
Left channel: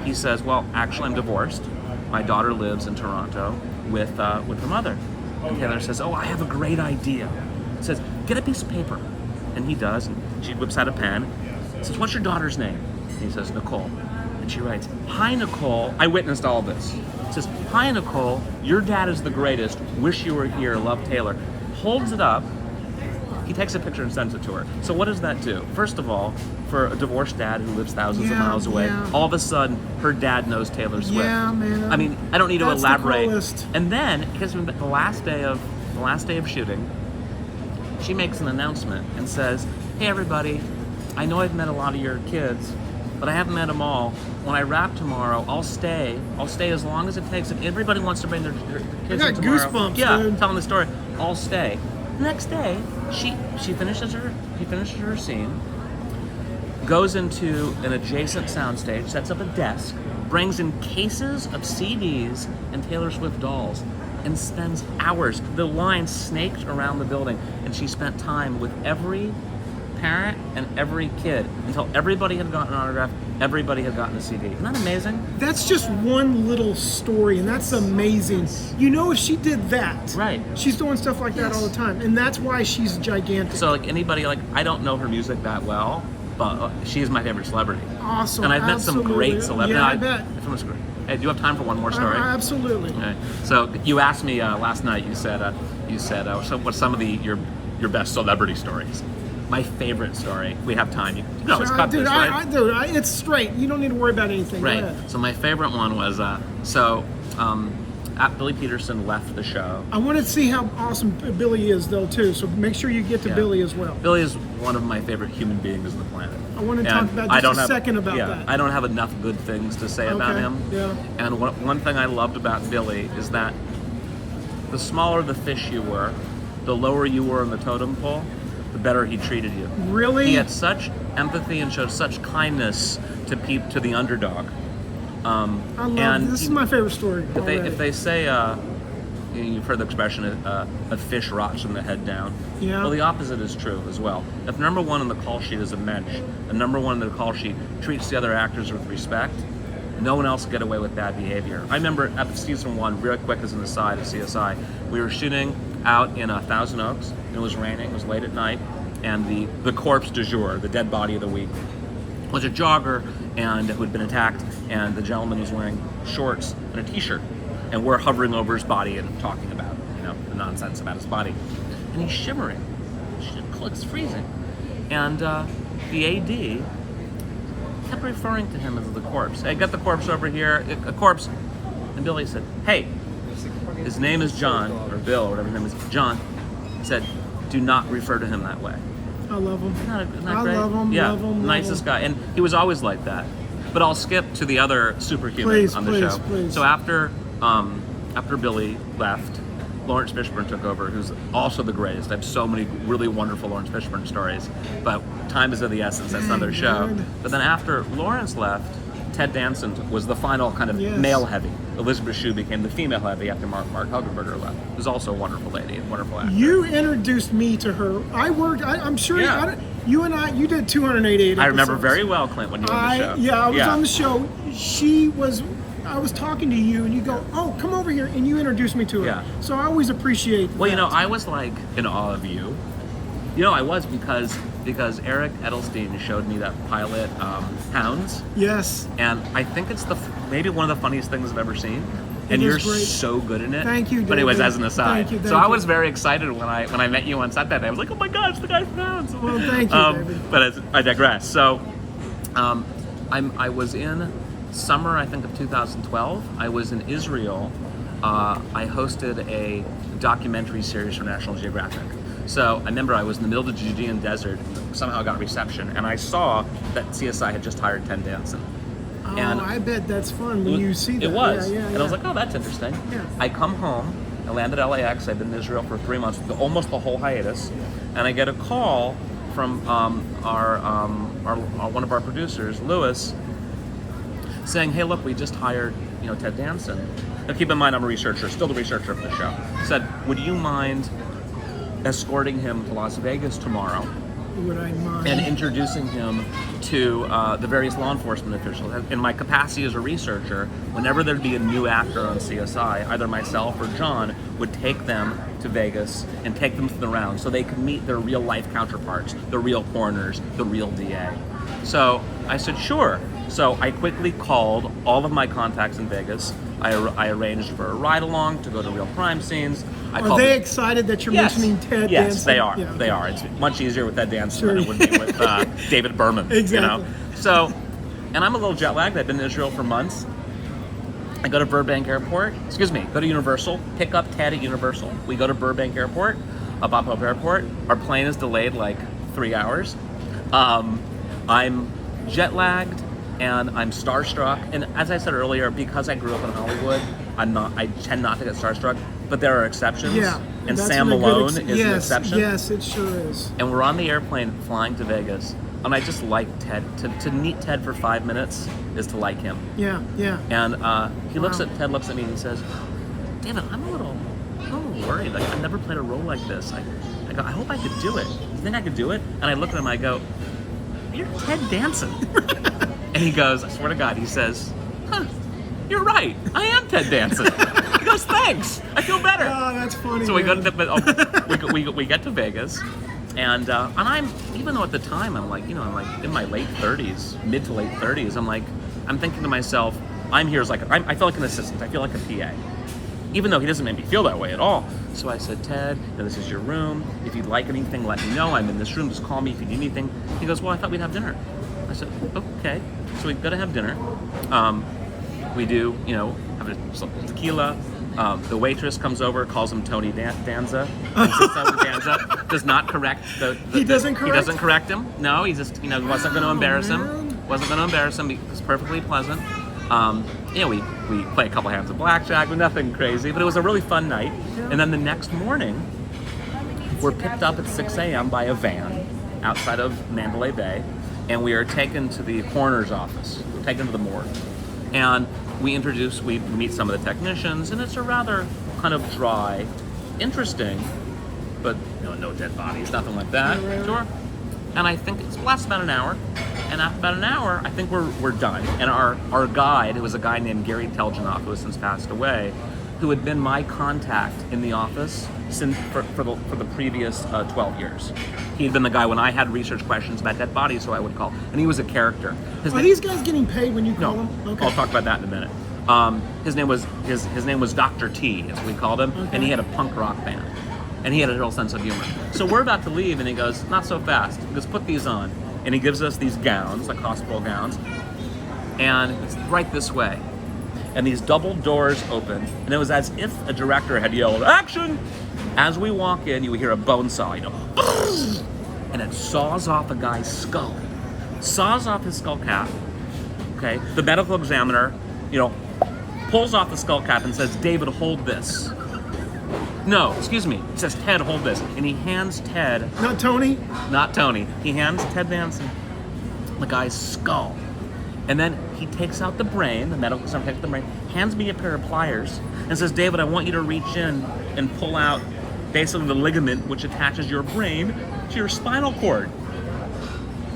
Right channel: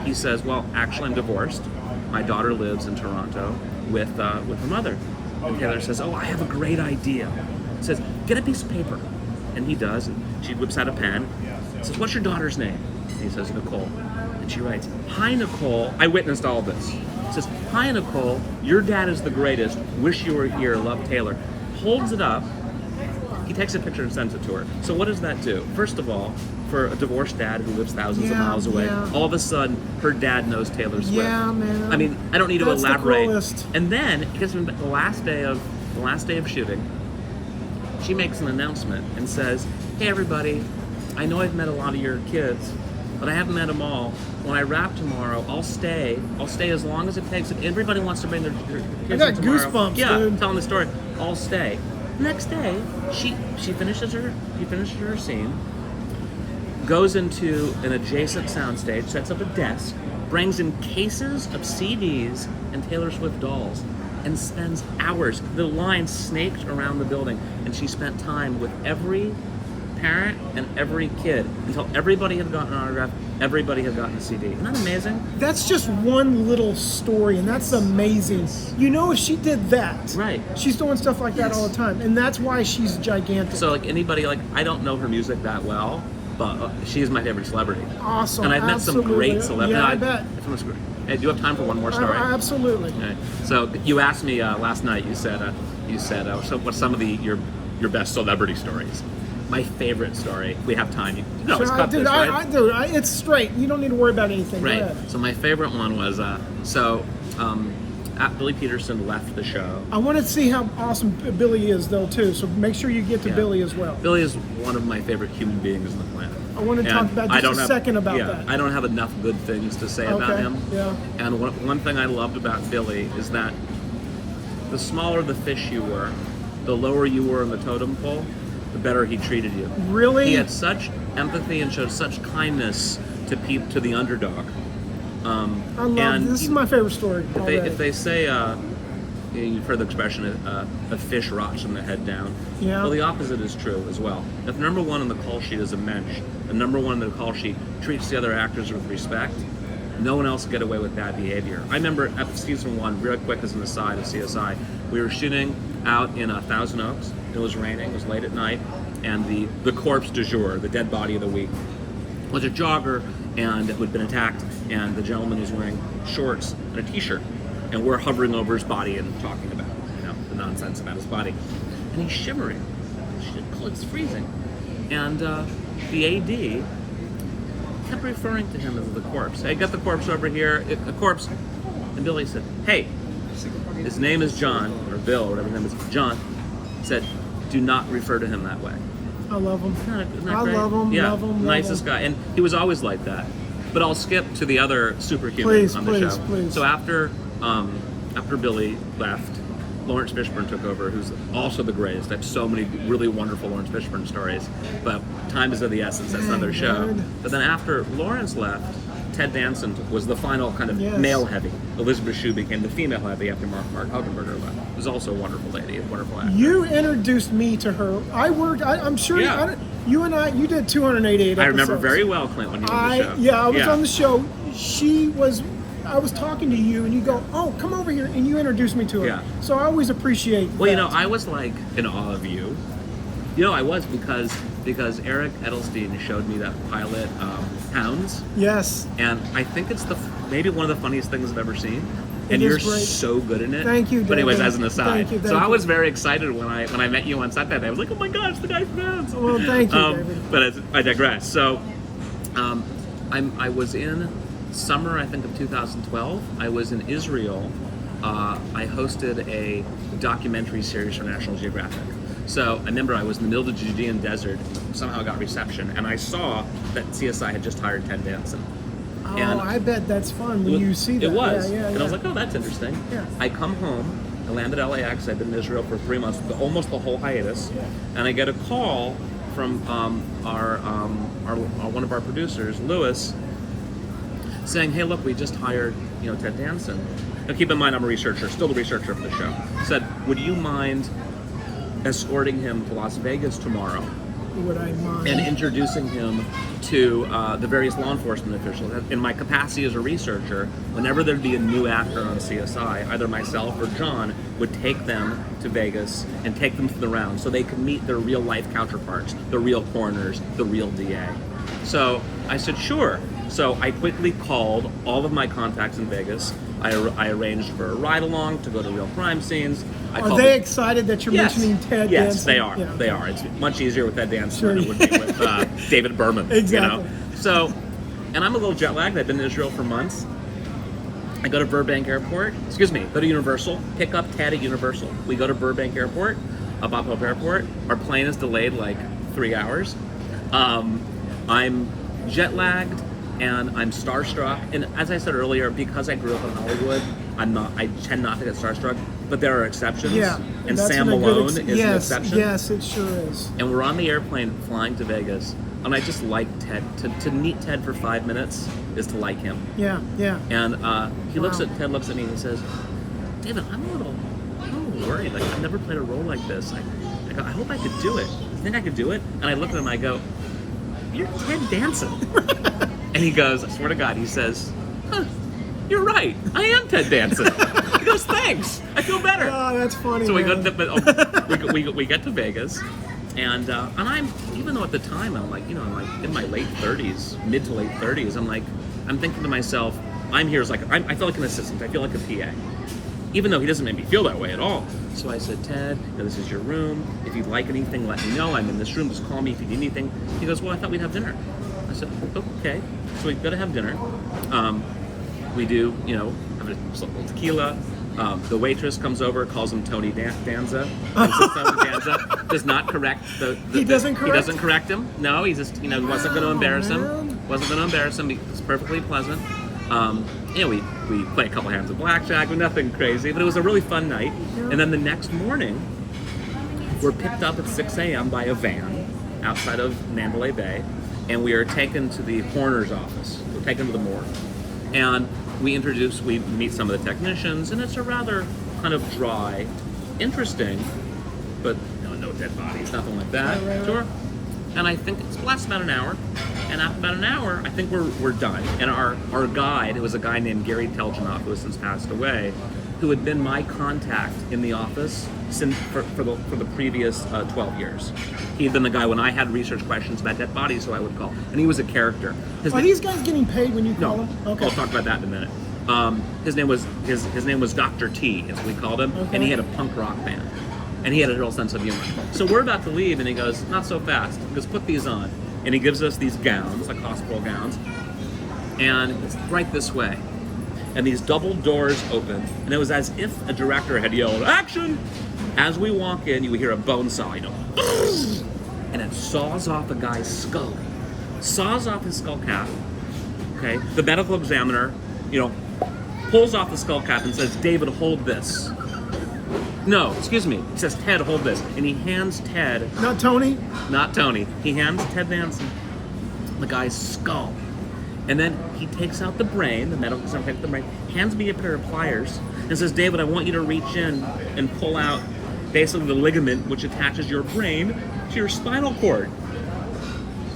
He says, well, actually, I'm divorced. My daughter lives in Toronto with her mother. And Taylor says, oh, I have a great idea. He says, get a piece of paper. And he does, and she whips out a pen. He says, what's your daughter's name? And he says, Nicole. And she writes, hi, Nicole. I witnessed all this. He says, hi, Nicole. Your dad is the greatest. Wish you were here. Love, Taylor. Holds it up. He takes a picture and sends it to her. So what does that do? First of all, for a divorced dad who lives thousands of miles away, all of a sudden, her dad knows Taylor Swift. Yeah, man. I mean, I don't need to elaborate. The coolest. And then, because the last day of shooting, she makes an announcement and says, hey everybody, I know I've met a lot of your kids, but I haven't met them all. When I wrap tomorrow, I'll stay as long as it takes. If everybody wants to bring their kids I got in tomorrow, goosebumps, yeah, dude. telling the story, I'll stay. Next day, he finishes her scene, goes into an adjacent soundstage, sets up a desk, brings in cases of CDs and Taylor Swift dolls, and spends hours. The line snaked around the building, and she spent time with every parent and every kid until everybody had gotten an autograph, everybody had gotten a CD. Isn't that amazing? That's just one little story, and that's amazing. You know, if she did that, Right. she's doing stuff like that all the time, and that's why she's gigantic. So like anybody, like I don't know her music that well, but she's my favorite celebrity. Awesome. And I've met some great celebrities. Yeah, I bet. Hey, do you have time for one more story? Absolutely. Okay. So you asked me last night. You said, so what's some of your best celebrity stories? My favorite story. We have time. You can always cut Dude, this, right? it's straight. You don't need to worry about anything. Right. Go ahead. So my favorite one was Billy Peterson left the show. I want to see how awesome Billy is, though, too. So make sure you get to Billy as well. Billy is one of my favorite human beings on the planet. I want to talk about just a second about that. I don't have enough good things to say about him. Yeah. And one thing I loved about Billy is that the smaller the fish you were, the lower you were in the totem pole, the better he treated you. Really? He had such empathy and showed such kindness to the underdog. I love this. Is my favorite story. If they say, you've heard the expression, a fish rots from the head down. Yeah. Well, the opposite is true as well. If number one on the call sheet is a mensch, and number one on the call sheet treats the other actors with respect, no one else can get away with bad behavior. I remember at season 1, real quick as an aside of CSI, we were shooting out in Thousand Oaks. It was raining, it was late at night, and the corpse du jour, the dead body of the week, was a jogger and who had been attacked, and the gentleman was wearing shorts and a t-shirt, and we're hovering over his body and talking about the nonsense about his body, and he's shivering. It's freezing, and the AD kept referring to him as the corpse. Hey, got the corpse over here, a corpse. And Billy said, hey, his name is John, or Bill, or whatever his name is, John, said, do not refer to him that way. I love him. Isn't that I great? love him, Yeah, love him, nicest guy. And he was always like that. But I'll skip to the other superhuman on the show. Please. So after Billy left, Lawrence Fishburne took over, who's also the greatest. I have so many really wonderful Lawrence Fishburne stories, but time is of the essence. That's another show. But then after Lawrence left, Ted Danson was the final kind of male heavy. Elizabeth Shue became the female heavy after Mark Hugenberger left. It was also a wonderful lady, a wonderful actor. You introduced me to her. I'm sure you and I, you did 288 episodes. I remember very well, Clint, when you were on the show. Yeah, I was on the show. I was talking to you, and you go, oh, come over here, and you introduced me to her. Yeah. So I always appreciate that. I was like in awe of you. I was because Eric Edelstein showed me that pilot, Hounds. Yes. And I think it's maybe one of the funniest things I've ever seen. And It you're is great. so good in it. Thank you, David. But anyways, as an aside. Thank you. I was very excited when I met you on set that day. I was like, oh my God, it's the guy from Hounds. Well, thank you, David. But I digress. So I was in summer, I think, of 2012. I was in Israel. I hosted a documentary series for National Geographic. So I remember I was in the middle of the Judean desert, and somehow got reception, and I saw that CSI had just hired Ted Danson. Oh, And I bet that's fun when you see that. It was. Yeah. And I was like, oh, that's interesting. Yeah. I come home, I landed at LAX, I've been in Israel for 3 months, almost the whole hiatus, and I get a call from our one of our producers, Lewis, saying, hey, look, we just hired Ted Danson. Now keep in mind, I'm a researcher, still the researcher for the show. Said, would you mind escorting him to Las Vegas tomorrow would I mind? And introducing him to the various law enforcement officials. In my capacity as a researcher, whenever there'd be a new actor on CSI, either myself or John would take them to Vegas and take them to the round so they could meet their real life counterparts, the real coroners, the real DA. So I said, sure. So I quickly called all of my contacts in Vegas. I arranged for a ride along to go to real crime scenes. Are they excited that you're mentioning Ted Danson? Yes, they are. Yeah, okay. They are. It's much easier with Ted Danson Sure. than it would be with David Berman. Exactly. You know? So, and I'm a little jet lagged. I've been in Israel for months. I go to Burbank Airport. Go to Universal. Pick up Ted at Universal. We go to Burbank Airport, Bob Hope Airport. Our plane is delayed like 3 hours. I'm jet lagged. And I'm starstruck, and as I said earlier, because I grew up in Hollywood, I tend not to get starstruck, but there are exceptions. Yeah, and that's Sam Malone is an yes, exception. Yes, it sure is. And we're on the airplane flying to Vegas, and I just like Ted. To meet Ted for 5 minutes is to like him. Yeah, yeah. And Ted looks at me and he says, David, I'm a little worried. Like, I've never played a role like this. I go, I hope I could do it. You think I could do it? And I look at him, I go, you're Ted Danson. And he goes, I swear to God, he says, huh, you're right. I am Ted Danson. He goes, thanks. I feel better. Oh, that's funny. So man. we get to Vegas, and I'm, even though at the time I'm like in my late 30s, mid to late 30s, I'm thinking to myself, I'm here as I feel like an assistant. I feel like a PA. Even though he doesn't make me feel that way at all. So I said, Ted, this is your room. If you'd like anything, let me know. I'm in this room. Just call me if you need anything. He goes, well, I thought we'd have dinner. I said, okay. So we've got to have dinner. We do, have a little tequila. The waitress comes over, calls him Tony Danza. Does not correct He doesn't correct? He doesn't correct him. No, he just, wasn't going to embarrass him. Wasn't going to embarrass him. He was perfectly pleasant. We play a couple hands of blackjack, nothing crazy, but it was a really fun night. Yeah. And then the next morning, we're picked up at 6 a.m. by a van outside of Mandalay Bay, and we are taken to the coroner's office. We're taken to the morgue. And we meet some of the technicians, and it's a rather kind of dry, interesting, but no dead bodies, nothing like that. Right. Sure. And I think it lasts about an hour. And after about an hour, I think we're done. And our guide, it was a guy named Gary Teljanov, who has since passed away, who had been my contact in the office for the previous 12 years. He had been the guy when I had research questions about dead bodies, so I would call. And he was a character. Are these guys getting paid when you call them? Okay. I'll talk about that in a minute. His name was Dr. T, as we called him, okay. And he had a punk rock band. And he had a real sense of humor. So we're about to leave, and he goes, not so fast. He goes, put these on. And he gives us these gowns, like hospital gowns, and it's right this way. And these double doors open, and it was as if a director had yelled, action! As we walk in, you would hear a bone saw, and it saws off a guy's skull. Saws off his skull cap, okay? The medical examiner, pulls off the skull cap and says, David, hold this. No, excuse me. He says, Ted, hold this. And he hands Ted... Not Tony? Not Tony. He hands Ted Danson the guy's skull. And then he takes out the brain, the medical examiner takes the brain, hands me a pair of pliers, and says, David, I want you to reach in and pull out basically the ligament which attaches your brain to your spinal cord.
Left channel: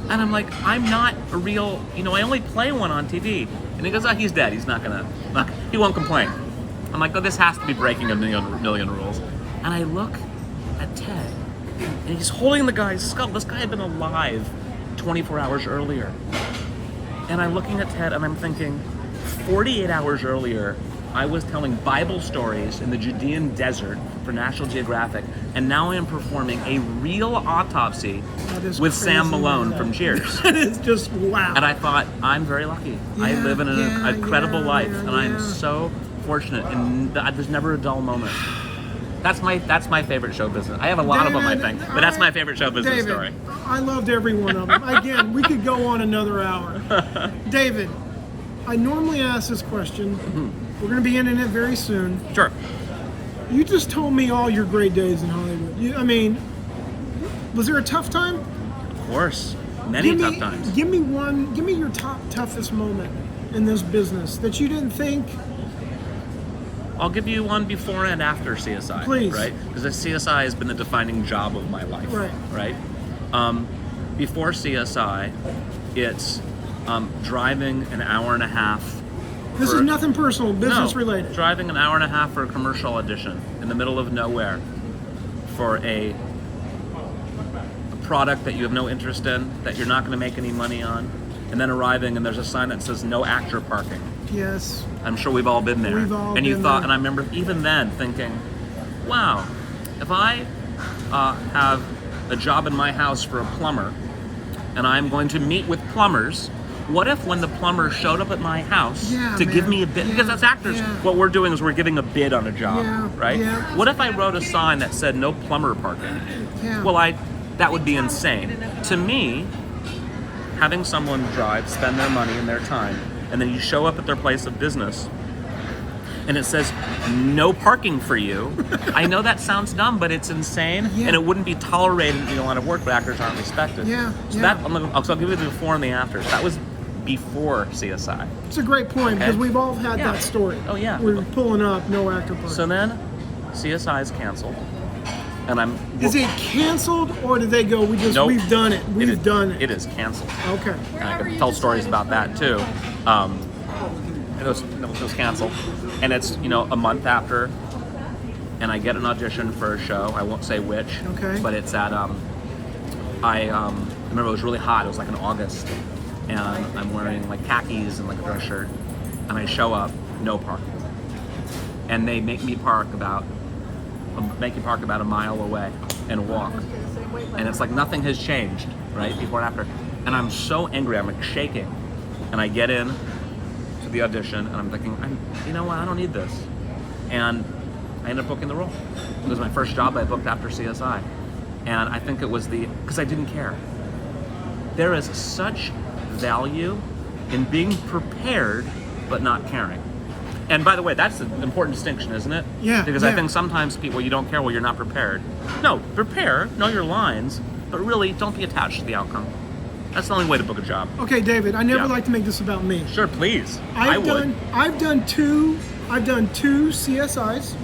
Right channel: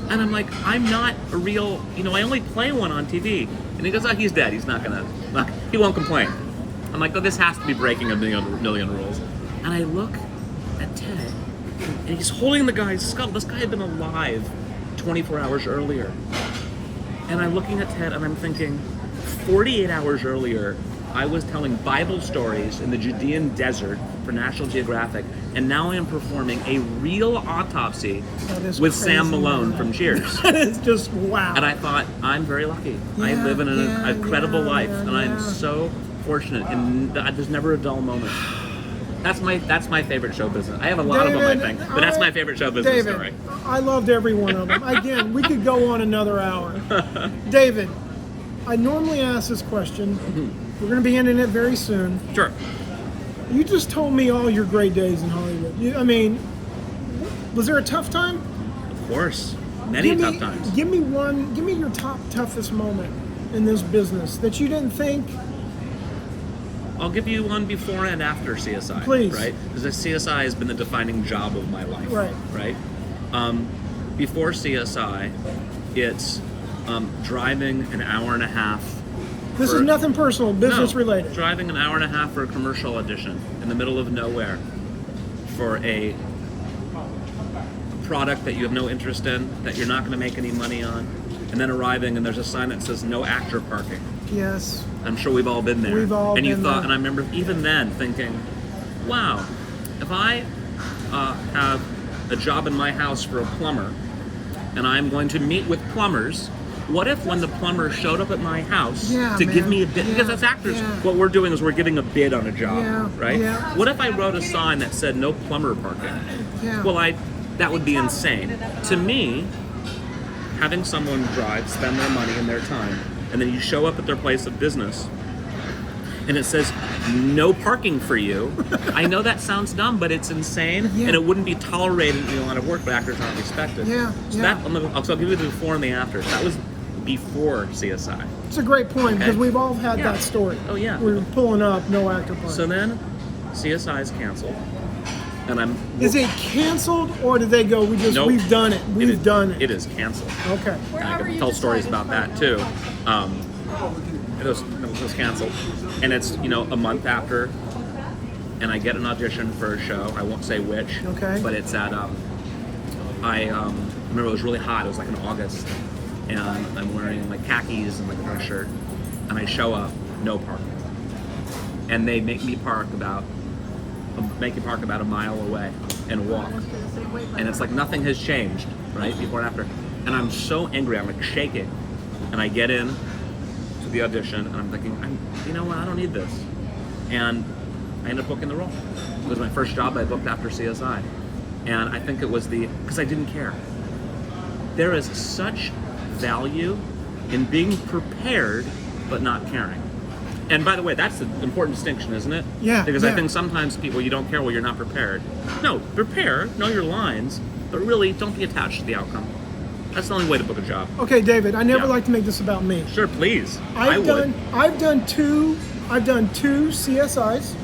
And I'm like, I'm not a real... I only play one on TV. And he goes, he's dead. He's he won't complain. I'm like, this has to be breaking a million rules. And I look at Ted, and he's holding the guy's skull. This guy had been alive 24 hours earlier. And I'm looking at Ted, and I'm thinking, 48 hours earlier, I was telling Bible stories in the Judean desert for National Geographic, and now I am performing a real autopsy with crazy, Sam Malone from Cheers. That is just wow. And I thought, I'm very lucky. Yeah, I live in an incredible life, and yeah. I'm so fortunate, and there's never a dull moment. That's my favorite show business. I have a lot of them, I think, but that's my favorite show business story. I loved every one of them. Again, we could go on another hour. David, I normally ask this question. Mm-hmm. We're going to be ending it very soon. Sure. You just told me all your great days in Hollywood. Was there a tough time? Of course. Many tough times. Give me your toughest moment in this business that you didn't think. I'll give you one before and after CSI. Please. Right? Because CSI has been the defining job of my life. Right. Right? before CSI, it's driving an hour and a half. This is nothing personal, business related. Driving an hour and a half for a commercial audition in the middle of nowhere for a product that you have no interest in, that you're not going to make any money on, and then arriving and there's a sign that says no actor parking. Yes. I'm sure we've all been there. We've all and been you thought, there. And I remember even then thinking, wow, if I have a job in my house for a plumber, and I'm going to meet with plumbers, what if when the plumber showed up at my house to give me a bid? Because as actors, what we're doing is we're giving a bid on a job, right? Yeah. What if I wrote a sign that said no plumber parking? Yeah. Well, that would be insane. To me, having someone drive, spend their money and their time, and then you show up at their place of business, and it says no parking for you. I know that sounds dumb, but it's insane, and it wouldn't be tolerated in a lot of work where actors aren't respected. So I'll give you the before and the after. That was before CSI. It's a great point because we've all had that story. Oh yeah. We're pulling up, no actor parking. So then, CSI is canceled, and Is it canceled or did they go? Nope. We've done it. We've done it. It is canceled. Okay. And I can tell stories about that too. It was canceled, and it's a month after, and I get an audition for a show. I won't say which. Okay. But it's at I remember it was really hot. It was like in August, and I'm wearing like khakis and like a dress shirt, and I show up, no parking, and they make me park about a mile away and walk, and it's like nothing has changed, right, before and after, and I'm so angry, I'm like shaking, and I get in to the audition, and I'm thinking, you know what, I don't need this, and I end up booking the role. It was my first job I booked after CSI, and I think it was because I didn't care. There is such value in being prepared but not caring. And by the way, that's the important distinction, isn't it? Yeah. Because I think sometimes people, you don't care, well, you're not prepared. No, prepare, know your lines, but really don't be attached to the outcome. That's the only way to book a job. Okay, David, I never like to make this about me. Sure, please. I've done two CSIs.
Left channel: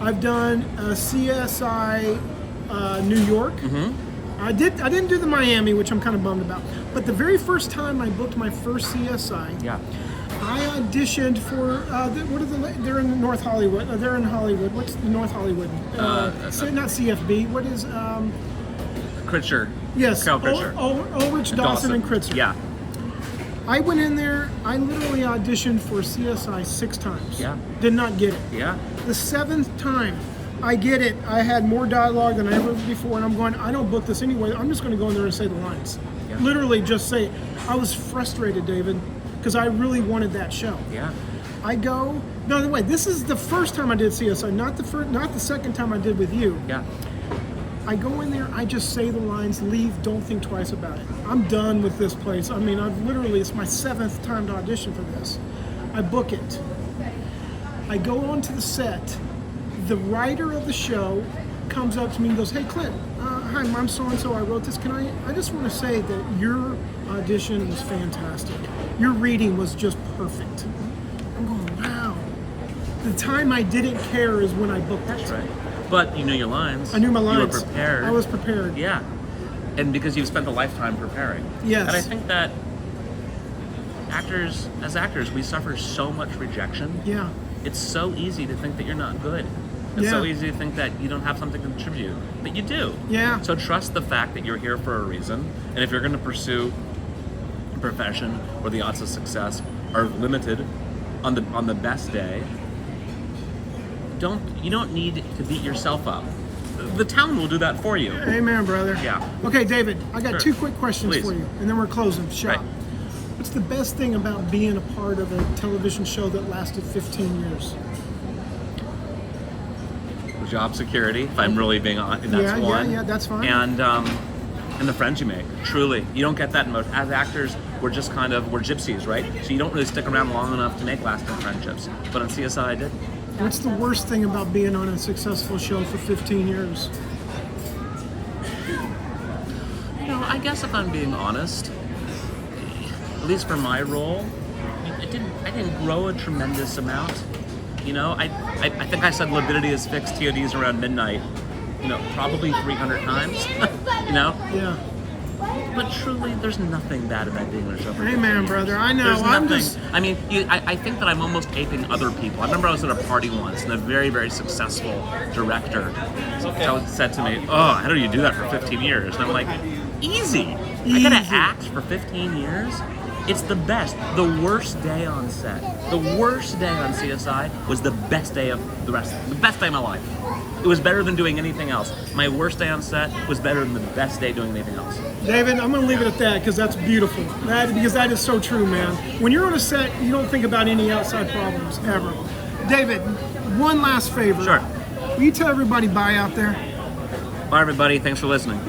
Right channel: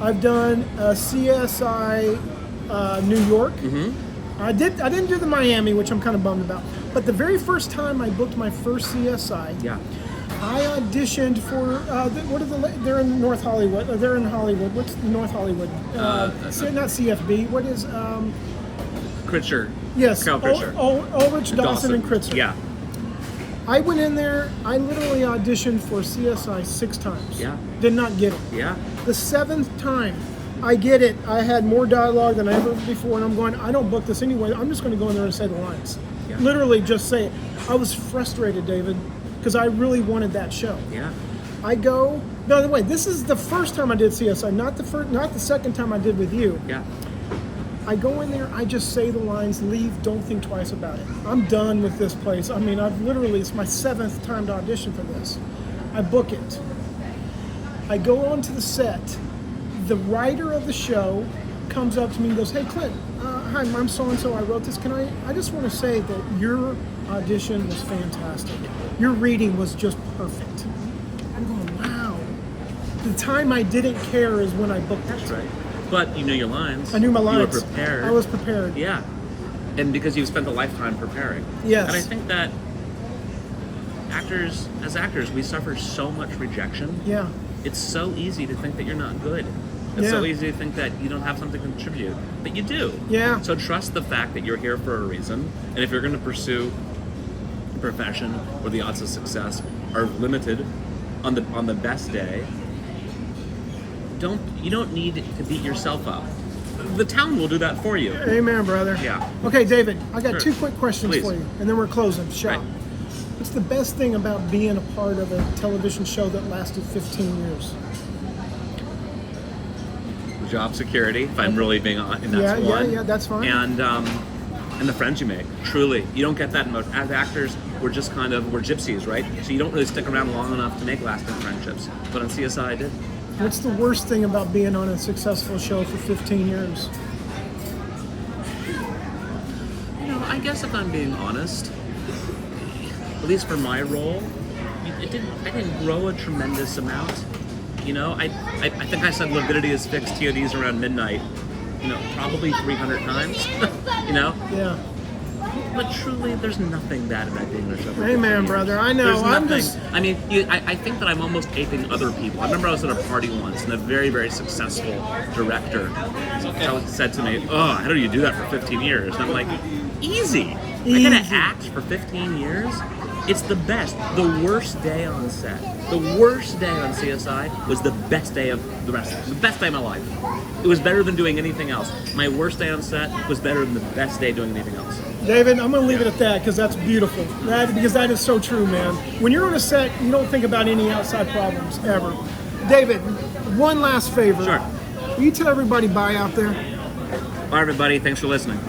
I've done a CSI New York. I didn't do the Miami, which I'm kind of bummed about. But the very first time I booked my first CSI, I auditioned for they're in North Hollywood. They're in Hollywood. What's the North Hollywood? Not CFB. What is Kritzer. Yes, Carol Kritzer. Ulrich, Dawson, and Kritzer. Yeah. I went in there. I literally auditioned for CSI 6 times. Yeah. Did not get it. Yeah. The 7th time, I get it. I had more dialogue than I ever before, and I'm going, I don't book this anyway. I'm just going to go in there and say the lines. Yeah. Literally just say it. I was frustrated, David, because I really wanted that show. Yeah. I go, by the way, this is the first time I did CSI, not the second time I did with you. Yeah. I go in there, I just say the lines, leave, don't think twice about it. I'm done with this place. I mean, it's my 7th time to audition for this. I book it. I go onto the set. The writer of the show comes up to me and goes, hey, Clint, hi, I'm so-and-so, I wrote this. I just want to say that your audition was fantastic. Your reading was just perfect. I'm going, wow. The time I didn't care is when I booked it. That's right. But you knew your lines. I knew my lines. You were prepared. I was prepared. Yeah. And because you've spent a lifetime preparing. Yes. And I think that as actors, we suffer so much rejection. Yeah. It's so easy to think that you're not good. It's so easy to think that you don't have something to contribute. But you do. Yeah. So trust the fact that you're here for a reason. And if you're going to pursue a profession where the odds of success are limited on the best day, you don't need to beat yourself up. The town will do that for you. Amen, brother. Yeah. Okay, David, I got Sure. 2 quick questions Please. for you, and then we're closing shop. Right. What's the best thing about being a part of a television show that lasted 15 years? The job security, if I'm really being on, and that's one. Yeah, that's fine. And the friends you make. Truly, you don't get that in most. As actors, we're gypsies, right? So you don't really stick around long enough to make lasting friendships. But on CSI, I did. What's the worst thing about being on a successful show for 15 years? I guess if I'm being honest, at least for my role, I didn't grow a tremendous amount. I think I said lividity is fixed, TODs around midnight, probably 300 times, Yeah. but truly, there's nothing bad about doing this. Over Amen, 15 brother. years. I know. There's I'm nothing- just. I mean, I think that I'm almost aping other people. I remember I was at a party once, and a very, very successful director said to me, "Oh, how do you do that for 15 years?" And I'm like, "Easy. I gotta Easy. act for 15 years." It's the best. The worst day on set, the worst day on CSI was the best day of the best day of my life. It was better than doing anything else. My worst day on set was better than the best day doing anything else. David, I'm going to leave it at that because that's beautiful. Because that is so true, man. When you're on a set, you don't think about any outside problems ever. David, one last favor. Sure. Will you tell everybody bye out there? Bye, everybody. Thanks for listening.